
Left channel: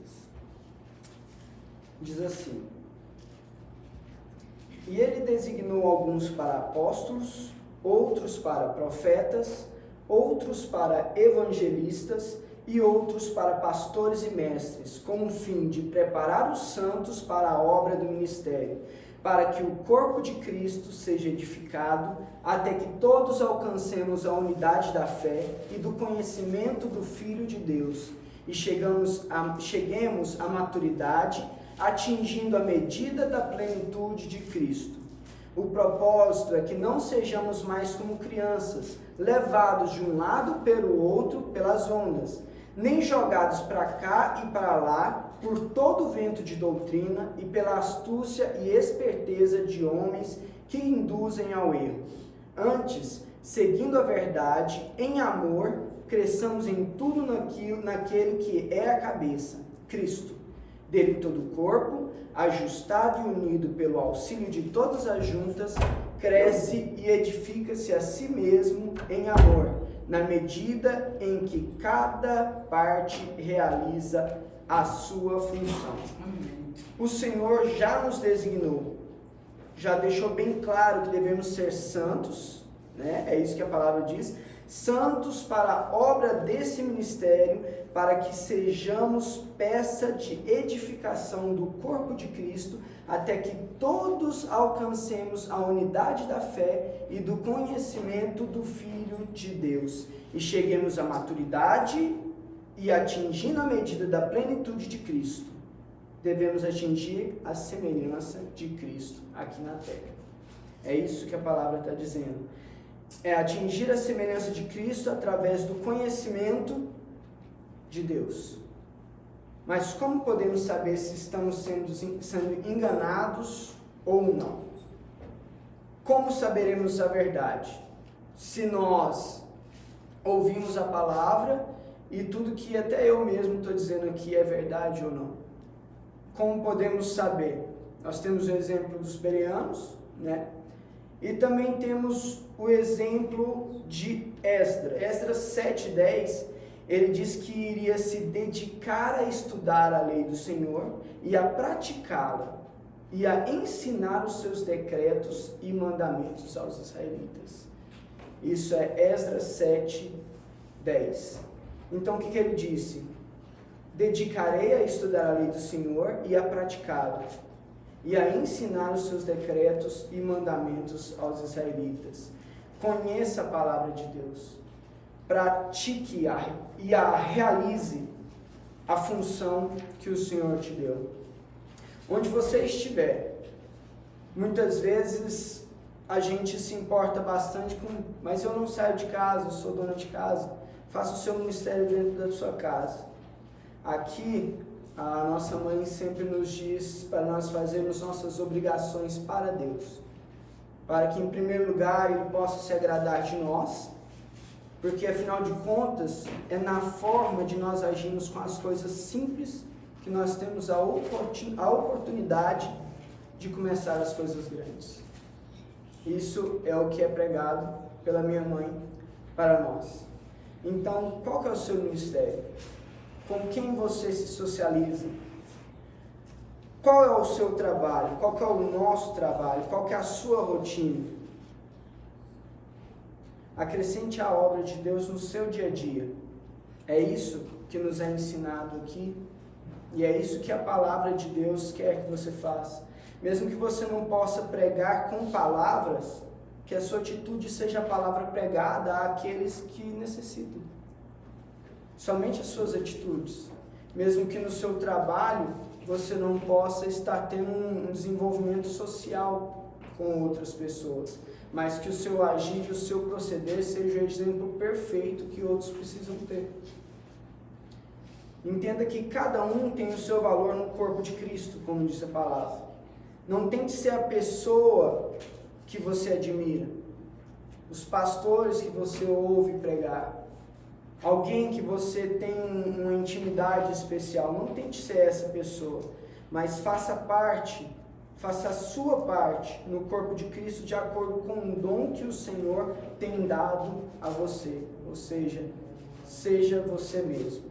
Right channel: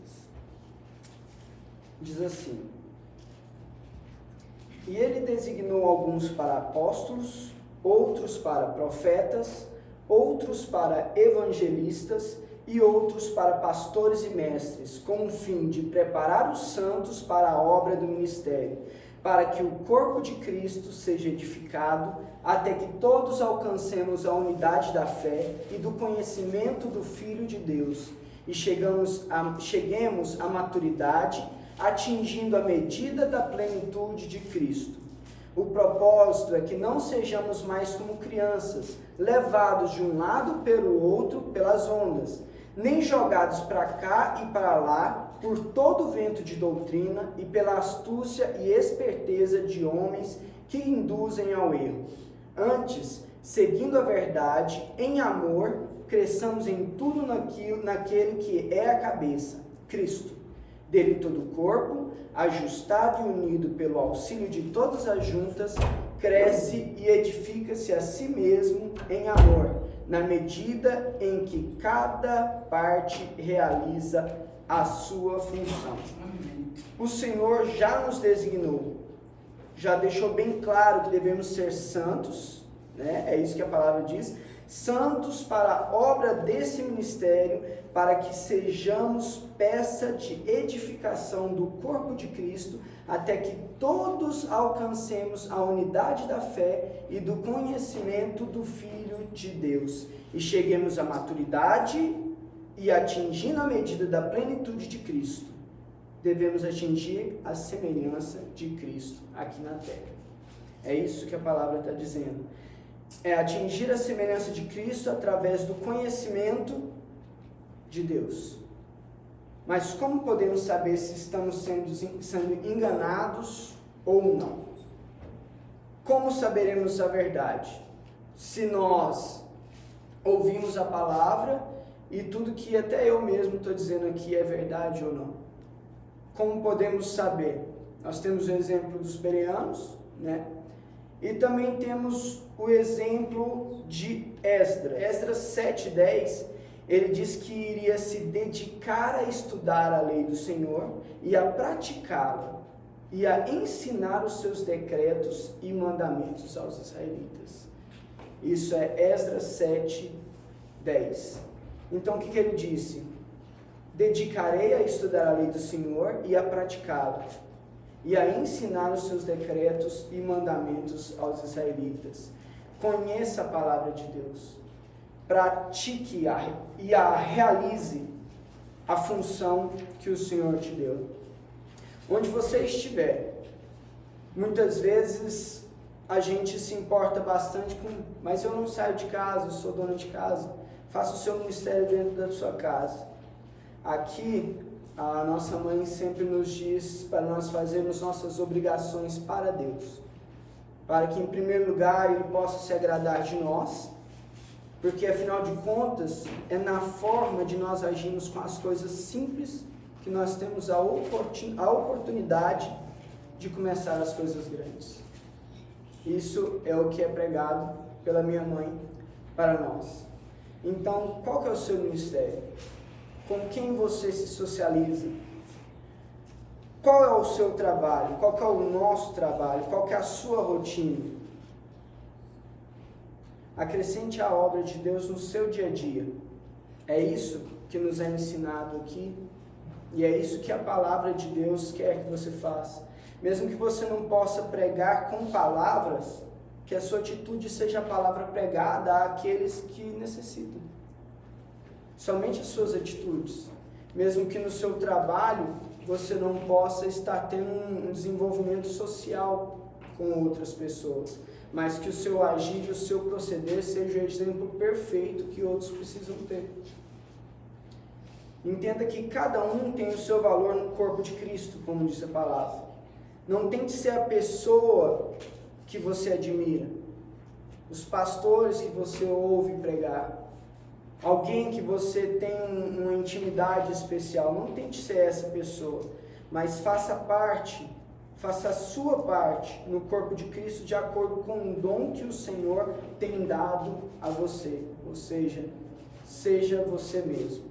Diz assim: E ele designou alguns para apóstolos, outros para profetas, outros para evangelistas e outros para pastores e mestres, com o fim de preparar os santos para a obra do ministério, para que o corpo de Cristo seja edificado, até que todos alcancemos a unidade da fé e do conhecimento do Filho de Deus, e cheguemos à maturidade, atingindo a medida da plenitude de Cristo. O propósito é que não sejamos mais como crianças, levados de um lado pelo outro pelas ondas, nem jogados para cá e para lá por todo o vento de doutrina e pela astúcia e esperteza de homens que induzem ao erro. Antes, seguindo a verdade, em amor, cresçamos em tudo naquele que é a cabeça, Cristo. Dele todo o corpo, ajustado e unido pelo auxílio de todas as juntas, cresce e edifica-se a si mesmo em amor, na medida em que cada parte realiza a sua função. O Senhor já nos designou, já deixou bem claro que devemos ser santos, né? É isso que a palavra diz, santos para a obra desse ministério, para que sejamos peça de edificação do corpo de Cristo, até que todos alcancemos a unidade da fé e do conhecimento do Filho de Deus, e cheguemos à maturidade e atingindo a medida da plenitude de Cristo. Devemos atingir a semelhança de Cristo aqui na terra. É isso que a palavra está dizendo. É atingir a semelhança de Cristo através do conhecimento de Deus. Mas como podemos saber se estamos sendo enganados ou não? Como saberemos a verdade? Se nós ouvimos a palavra e tudo que até eu mesmo estou dizendo aqui é verdade ou não? Como podemos saber? Nós temos o exemplo dos bereanos, né? E também temos o exemplo de Esdras. Esdras 7:10, ele diz que iria se dedicar a estudar a lei do Senhor e a praticá-la, e a ensinar os seus decretos e mandamentos aos israelitas. Isso é Esdras 7:10. Então o que ele disse? Dedicarei a estudar a lei do Senhor e a praticá-la, e a ensinar os seus decretos e mandamentos aos israelitas. Conheça a palavra de Deus, pratique e a realize a função que o Senhor te deu. Onde você estiver, muitas vezes a gente se importa bastante com, mas eu não saio de casa, eu sou dona de casa, faça o seu ministério dentro da sua casa. Aqui, a nossa mãe sempre nos diz para nós fazermos nossas obrigações para Deus, para que em primeiro lugar Ele possa se agradar de nós, porque afinal de contas é na forma de nós agirmos com as coisas simples que nós temos a oportunidade de começar as coisas grandes. Isso é o que é pregado pela minha mãe para nós. Então, qual que é o seu ministério? Com quem você se socializa? Qual é o seu trabalho? Qual que é o nosso trabalho? Qual que é a sua rotina? Acrescente a obra de Deus no seu dia a dia. É isso que nos é ensinado aqui, e é isso que a palavra de Deus quer que você faça. Mesmo que você não possa pregar com palavras, que a sua atitude seja a palavra pregada àqueles que necessitam. Somente as suas atitudes. Mesmo que no seu trabalho você não possa estar tendo um desenvolvimento social com outras pessoas, mas que o seu agir e o seu proceder seja o exemplo perfeito que outros precisam ter. Entenda que cada um tem o seu valor no corpo de Cristo, como diz a palavra. Não tente ser a pessoa que você admira, os pastores que você ouve pregar, alguém que você tem uma intimidade especial. Não tente ser essa pessoa, mas faça a sua parte no corpo de Cristo de acordo com o dom que o Senhor tem dado a você, ou seja, seja você mesmo.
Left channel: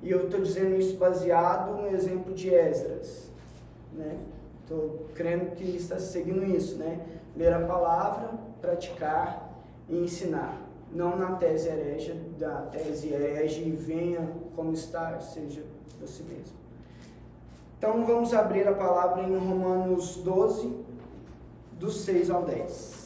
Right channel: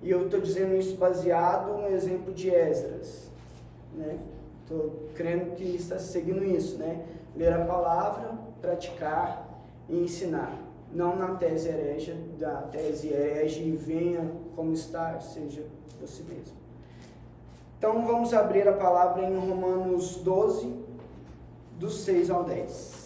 E eu estou dizendo isso baseado no exemplo de Esdras, né? Estou crendo que está seguindo isso, né? ler a palavra, praticar e ensinar. Não na tese herege, da tese herege e venha como está, seja você mesmo. Então vamos abrir a palavra em Romanos 12, do 6 ao 10.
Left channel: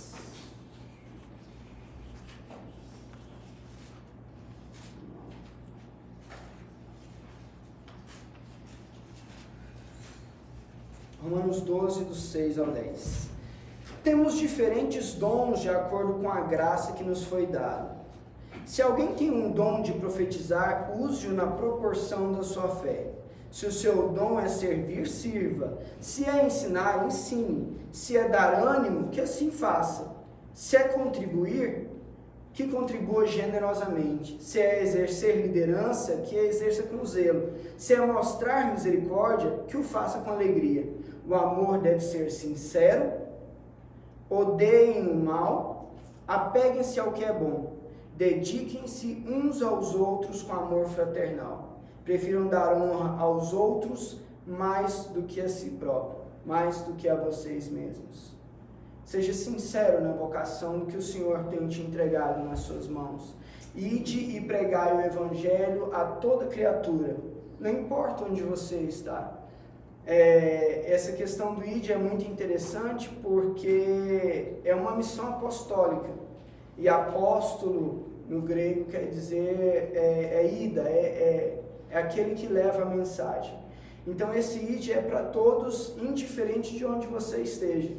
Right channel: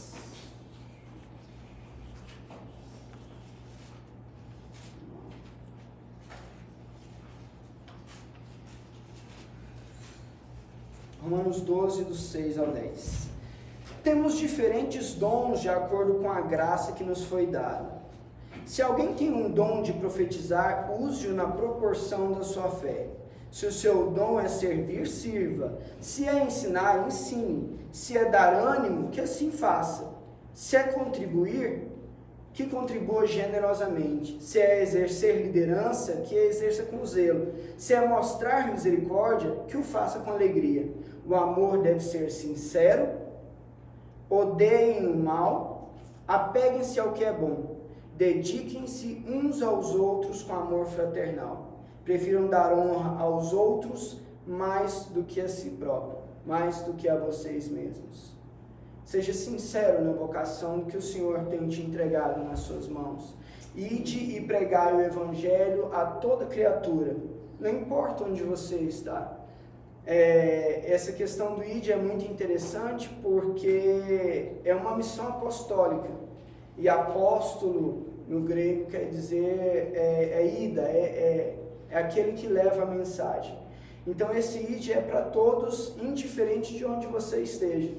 Romanos 12, do 6 ao 10. Temos diferentes dons de acordo com a graça que nos foi dada. Se alguém tem um dom de profetizar, use-o na proporção da sua fé. Se o seu dom é servir, sirva. Se é ensinar, ensine. Se é dar ânimo, que assim faça. Se é contribuir, que contribua generosamente. Se é exercer liderança, que a exerça com zelo. Se é mostrar misericórdia, que o faça com alegria. O amor deve ser sincero, odeiem o mal, apeguem-se ao que é bom, dediquem-se uns aos outros com amor fraternal. Prefiram dar honra aos outros mais do que a si próprio, mais do que a vocês mesmos. Seja sincero na vocação que o Senhor tem te entregado nas suas mãos. Ide e pregai o Evangelho a toda criatura, não importa onde você está. Essa questão do ide é muito interessante porque é uma missão apostólica. E apóstolo, no grego, quer dizer ida, é aquele que leva a mensagem. Então esse ide é para todos, indiferente de onde você esteja.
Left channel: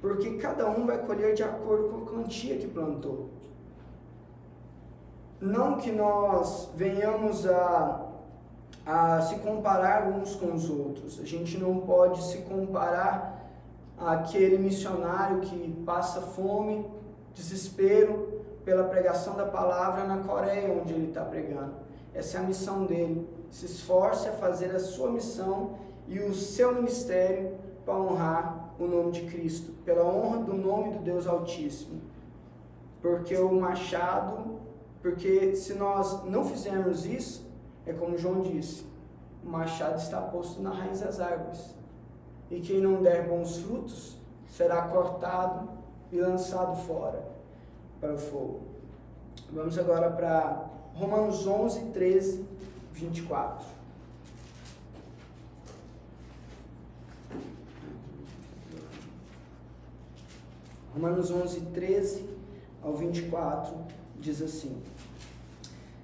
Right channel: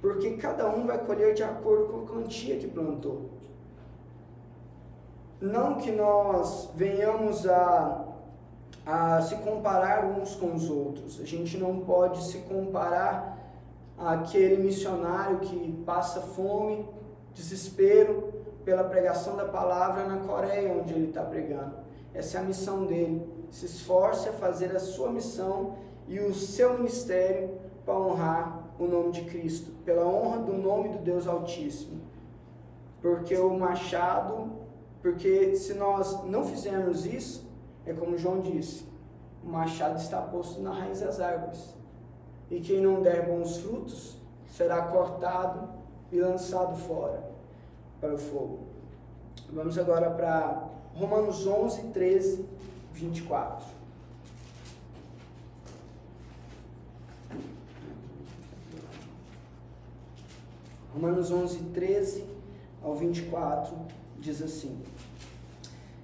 Porque cada um vai colher de acordo com a quantia que plantou. Não que nós venhamos a se comparar uns com os outros. A gente não pode se comparar àquele missionário que passa fome, desespero pela pregação da palavra na Coreia, onde ele está pregando. Essa é a missão dele. Se esforce a fazer a sua missão e o seu ministério para honrar o nome de Cristo, pela honra do nome do Deus Altíssimo. Porque se nós não fizermos isso, é como João disse, o machado está posto na raiz das árvores, e quem não der bons frutos será cortado e lançado fora para o fogo. Vamos agora para Romanos 11, 13, 24. Romanos 11, 13 ao 24 diz assim:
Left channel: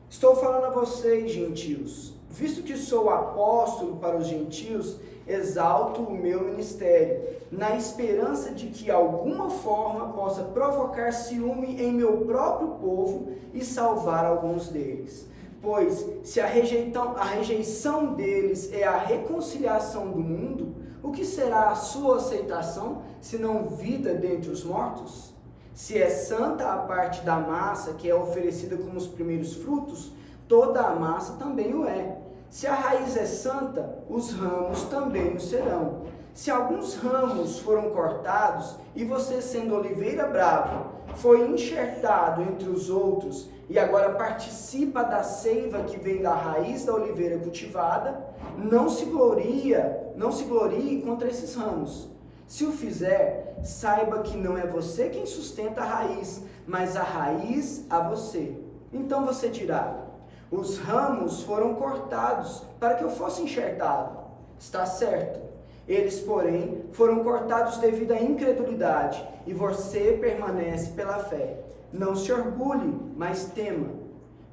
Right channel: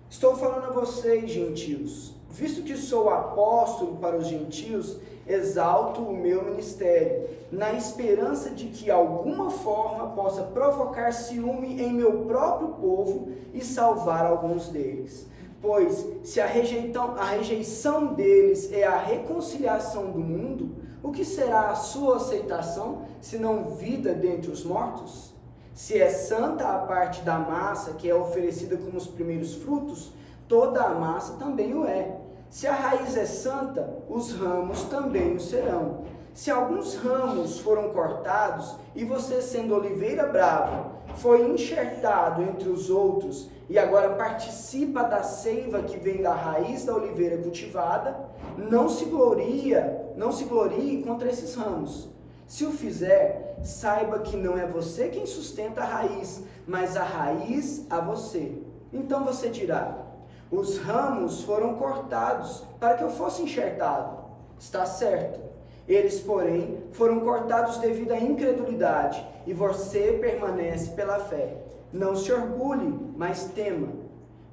Estou falando a vocês, gentios, visto que sou apóstolo para os gentios, exalto o meu ministério, na esperança de que alguma forma possa provocar ciúme em meu próprio povo e salvar alguns deles. Pois, se a rejeição deles é a reconciliação do mundo, o que será a sua aceitação, senão vida dentre os mortos? Se é santa a parte da massa que é oferecida como os primeiros frutos, toda a massa também o é. Se a raiz é santa, os ramos também o serão. Se alguns ramos foram cortados, e você, sendo oliveira brava, foi enxertado entre os outros, e agora participa da seiva que vem da raiz da oliveira cultivada, não se glorie contra esses ramos. Se o fizer, saiba que não é você quem sustenta a raiz, mas a raiz a você. Então você dirá: os ramos foram cortados para que eu fosse enxertado. Está certo. Eles, porém, foram cortados devido à incredulidade, e você permanece pela fé. Não se orgulhe, mas tema.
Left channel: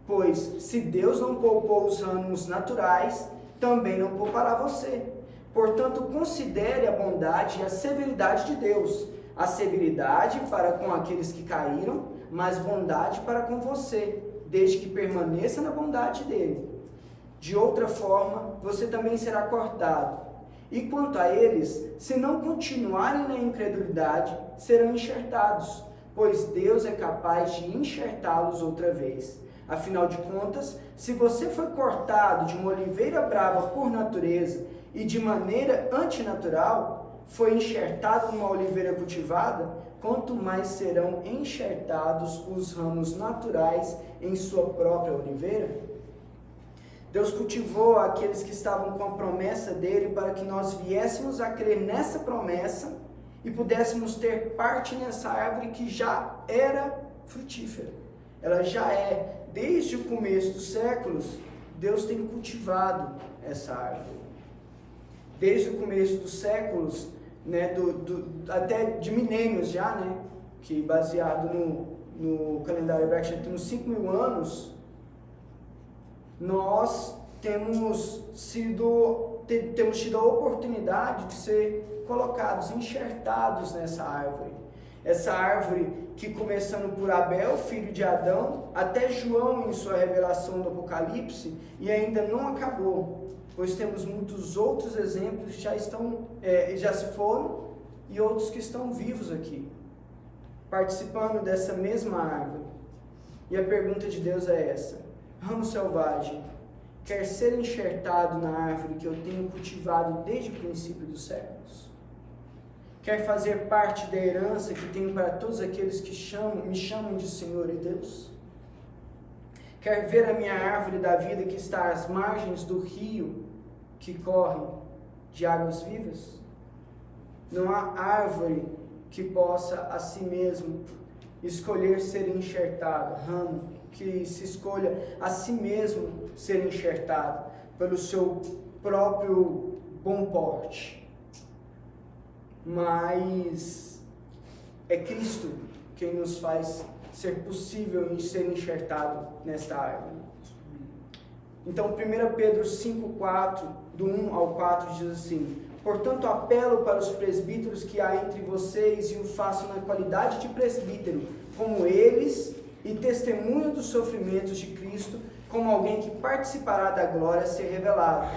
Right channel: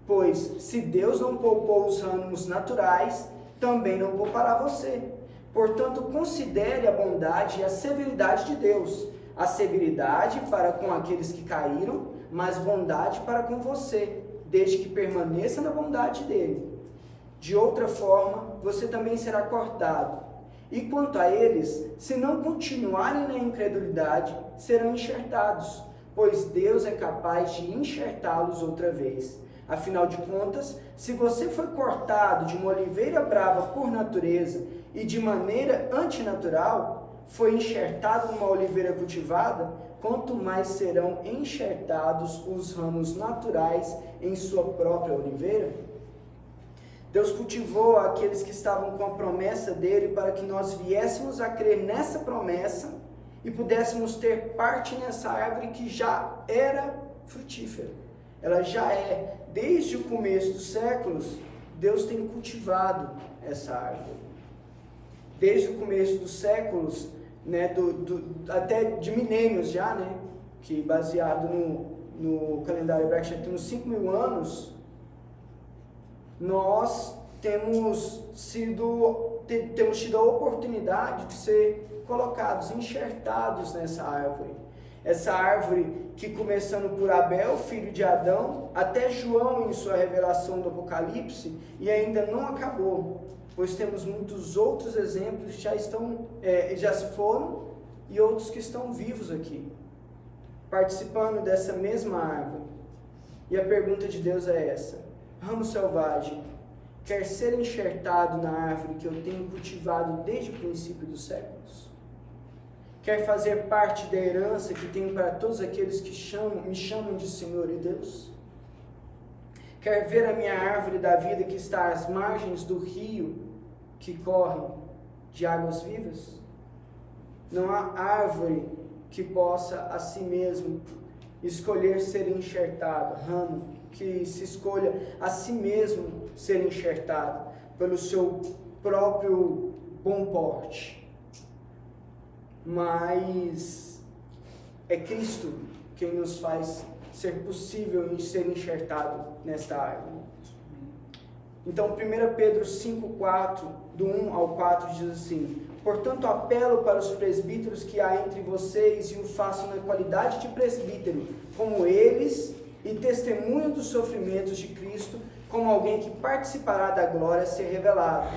Pois, se Deus não poupou os ramos naturais, também não poupará você. Portanto, considere a bondade e a severidade de Deus. A severidade para com aqueles que caíram, mas bondade para com você, desde que permaneça na bondade dele. De outra forma, você também será cortado. E quanto a eles, se não continuarem na incredulidade, serão enxertados, pois Deus é capaz de enxertá-los outra vez. Afinal de contas, se você foi cortado de uma oliveira brava por natureza e de maneira antinatural, foi enxertado numa oliveira cultivada, quanto mais serão enxertados os ramos naturais em sua própria oliveira? Deus cultivou aqueles que estavam com a promessa dele para que nós viéssemos a crer nessa promessa e pudéssemos ter parte nessa árvore que já era frutífera. Ela já é, desde o começo dos séculos, Deus tem cultivado essa árvore. Desde o começo dos séculos, né, até de milênios já, né, que baseado no calendário hebraico já temos 5.000 anos, nós temos tido a oportunidade de ser colocados, enxertados nessa árvore. Essa árvore que, começando por Abel, filho de Adão, até João em sua revelação do Apocalipse, e ainda não acabou, pois temos muitos outros exemplos que já se foram e outros que estão vivos aqui, participando dessa mesma árvore. E a pergunta de Deus é essa: ramo selvagem, quer ser enxertado na árvore que eu tenho cultivado desde o princípio dos séculos? Quer fazer parte da herança que tenho para todos aqueles que me chamam de Senhor e Deus? Quer ver a minha árvore da vida que está às margens do rio que corre de águas vivas? Não há árvore que possa a si mesmo escolher ser enxertado, ramo que se escolha a si mesmo ser enxertado pelo seu próprio bom porte. Mas é Cristo quem nos faz ser possível ser enxertado nesta árvore. Então 1 Pedro 5,4, do 1 ao 4 diz assim: portanto apelo para os presbíteros que há entre vocês e o façam na qualidade de presbítero, como eles, e testemunho dos sofrimentos de Cristo, como alguém que participará da glória a ser revelado.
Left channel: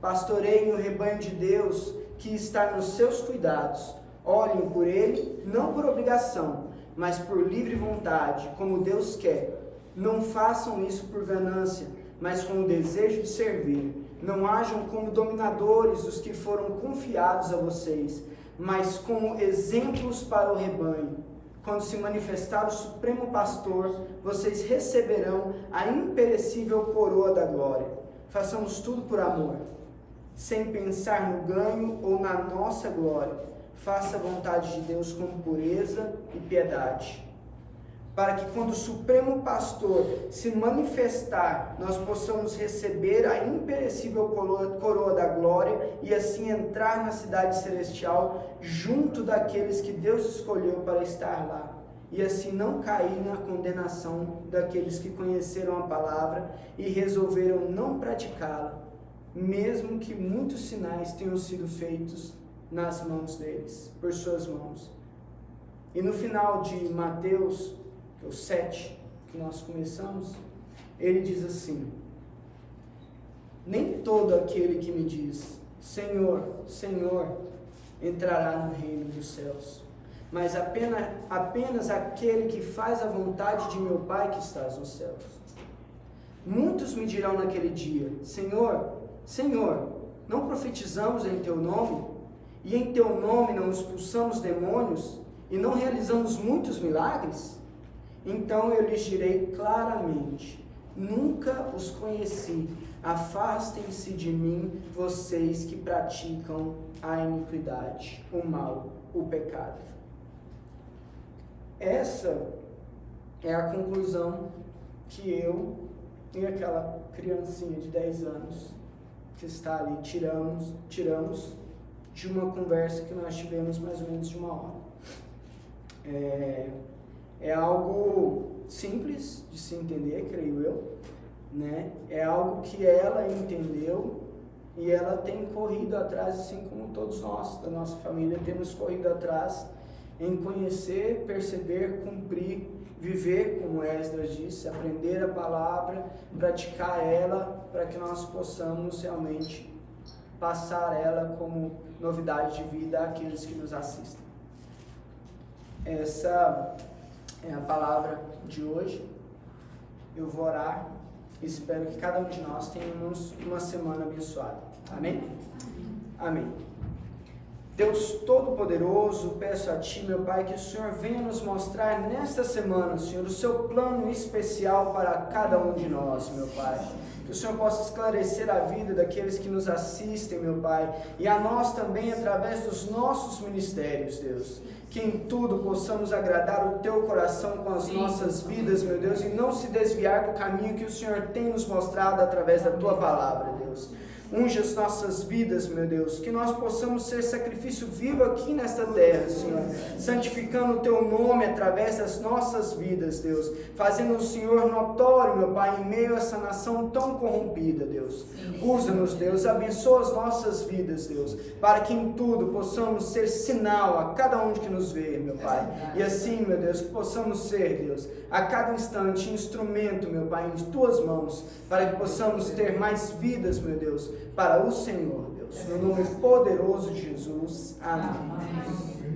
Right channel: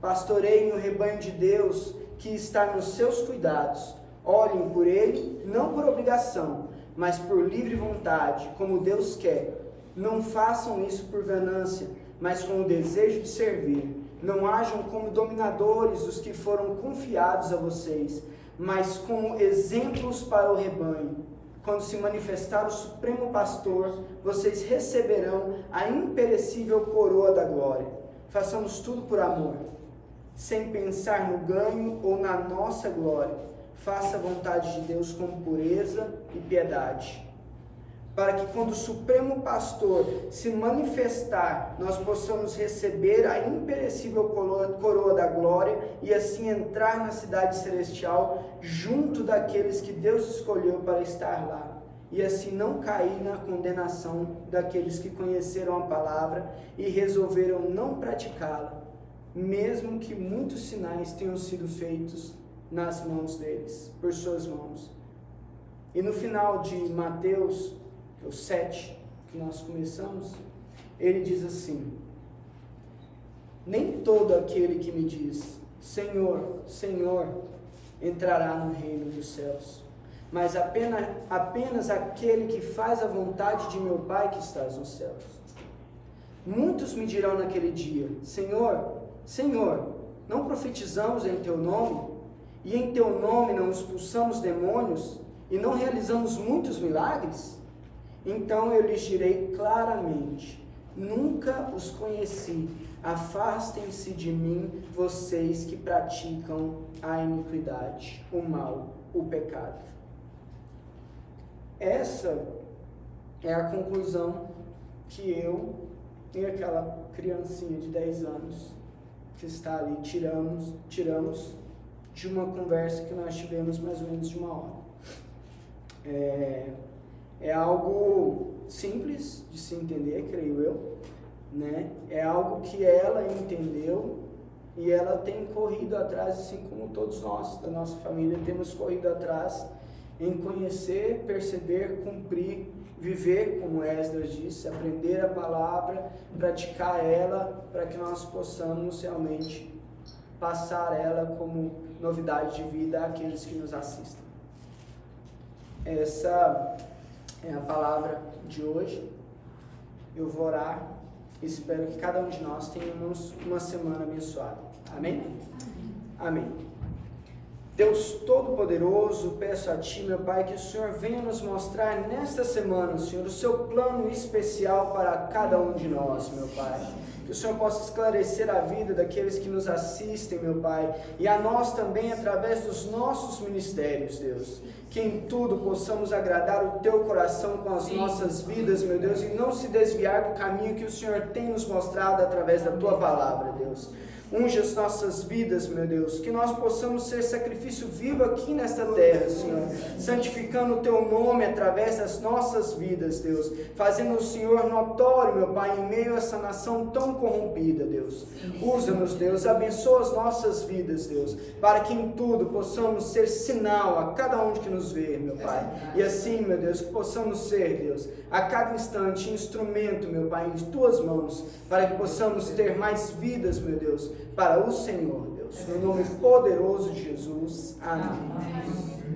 Pastoreiem o rebanho de Deus que está nos seus cuidados. Olhem por ele, não por obrigação, mas por livre vontade, como Deus quer. Não façam isso por ganância, mas com o desejo de servir. Não hajam como dominadores os que foram confiados a vocês, mas como exemplos para o rebanho. Quando se manifestar o Supremo Pastor, vocês receberão a imperecível coroa da glória. Façamos tudo por amor, sem pensar no ganho ou na nossa glória. Faça a vontade de Deus com pureza e piedade, para que quando o Supremo Pastor se manifestar, nós possamos receber a imperecível coroa da glória e assim entrar na cidade celestial junto daqueles que Deus escolheu para estar lá, e assim não cair na condenação daqueles que conheceram a palavra e resolveram não praticá-la, mesmo que muitos sinais tenham sido feitos nas mãos deles, por suas mãos. E no final de Mateus, o 7, que nós começamos, ele diz assim: nem todo aquele que me diz, Senhor, Senhor, entrará no reino dos céus, mas apenas aquele que faz a vontade de meu Pai que está nos céus. Muitos me dirão naquele dia, Senhor, Senhor, não profetizamos em teu nome? E em teu nome não expulsamos demônios? E não realizamos muitos milagres? Então eu lhes direi claramente, nunca os conheci, afastem-se de mim, vocês que praticam a iniquidade, o mal, o pecado. Essa é a conclusão que eu e aquela criancinha de 10 anos que está ali tiramos de uma conversa que nós tivemos mais ou menos de uma hora. É algo simples de se entender, creio eu, né? É algo que ela entendeu e ela tem corrido atrás, assim como todos nós, da nossa família, temos corrido atrás em conhecer, perceber, cumprir, viver, como Esdras disse, aprender a palavra, praticar ela, para que nós possamos realmente passar ela como novidade de vida àqueles que nos assistem. Essa é a palavra de hoje. Eu vou orar e espero que cada um de nós tenhamos uma semana abençoada. Amém? Amém. Deus Todo-Poderoso, peço a Ti, meu Pai, que o Senhor venha nos mostrar nesta semana, Senhor, o Seu plano especial para cada um de nós, meu Pai. Que o Senhor possa esclarecer a vida daqueles que nos assistem, meu Pai, e a nós também através dos nossos ministérios, Deus. Que em tudo possamos agradar o Teu coração com as nossas vidas, meu Deus, e não se desviar do caminho que o Senhor tem nos mostrado através da Tua palavra, Deus. Unge as nossas vidas, meu Deus, que nós possamos ser sacrifício vivo aqui nesta terra, Senhor, santificando o Teu nome através das nossas vidas, Deus, fazendo o Senhor notório, meu Pai, em meio a essa nação tão corrompida, Deus. Usa-nos, Deus, abençoa as nossas vidas, Deus, para que em tudo possamos ser sinal a cada um que nos vê, meu Pai, e assim, meu Deus, que possamos ser, Deus, a cada instante instrumento, meu Pai, em Tuas mãos, para que possamos ter mais vidas, meu Deus, para o Senhor, Deus, no nome poderoso de Jesus. Amém.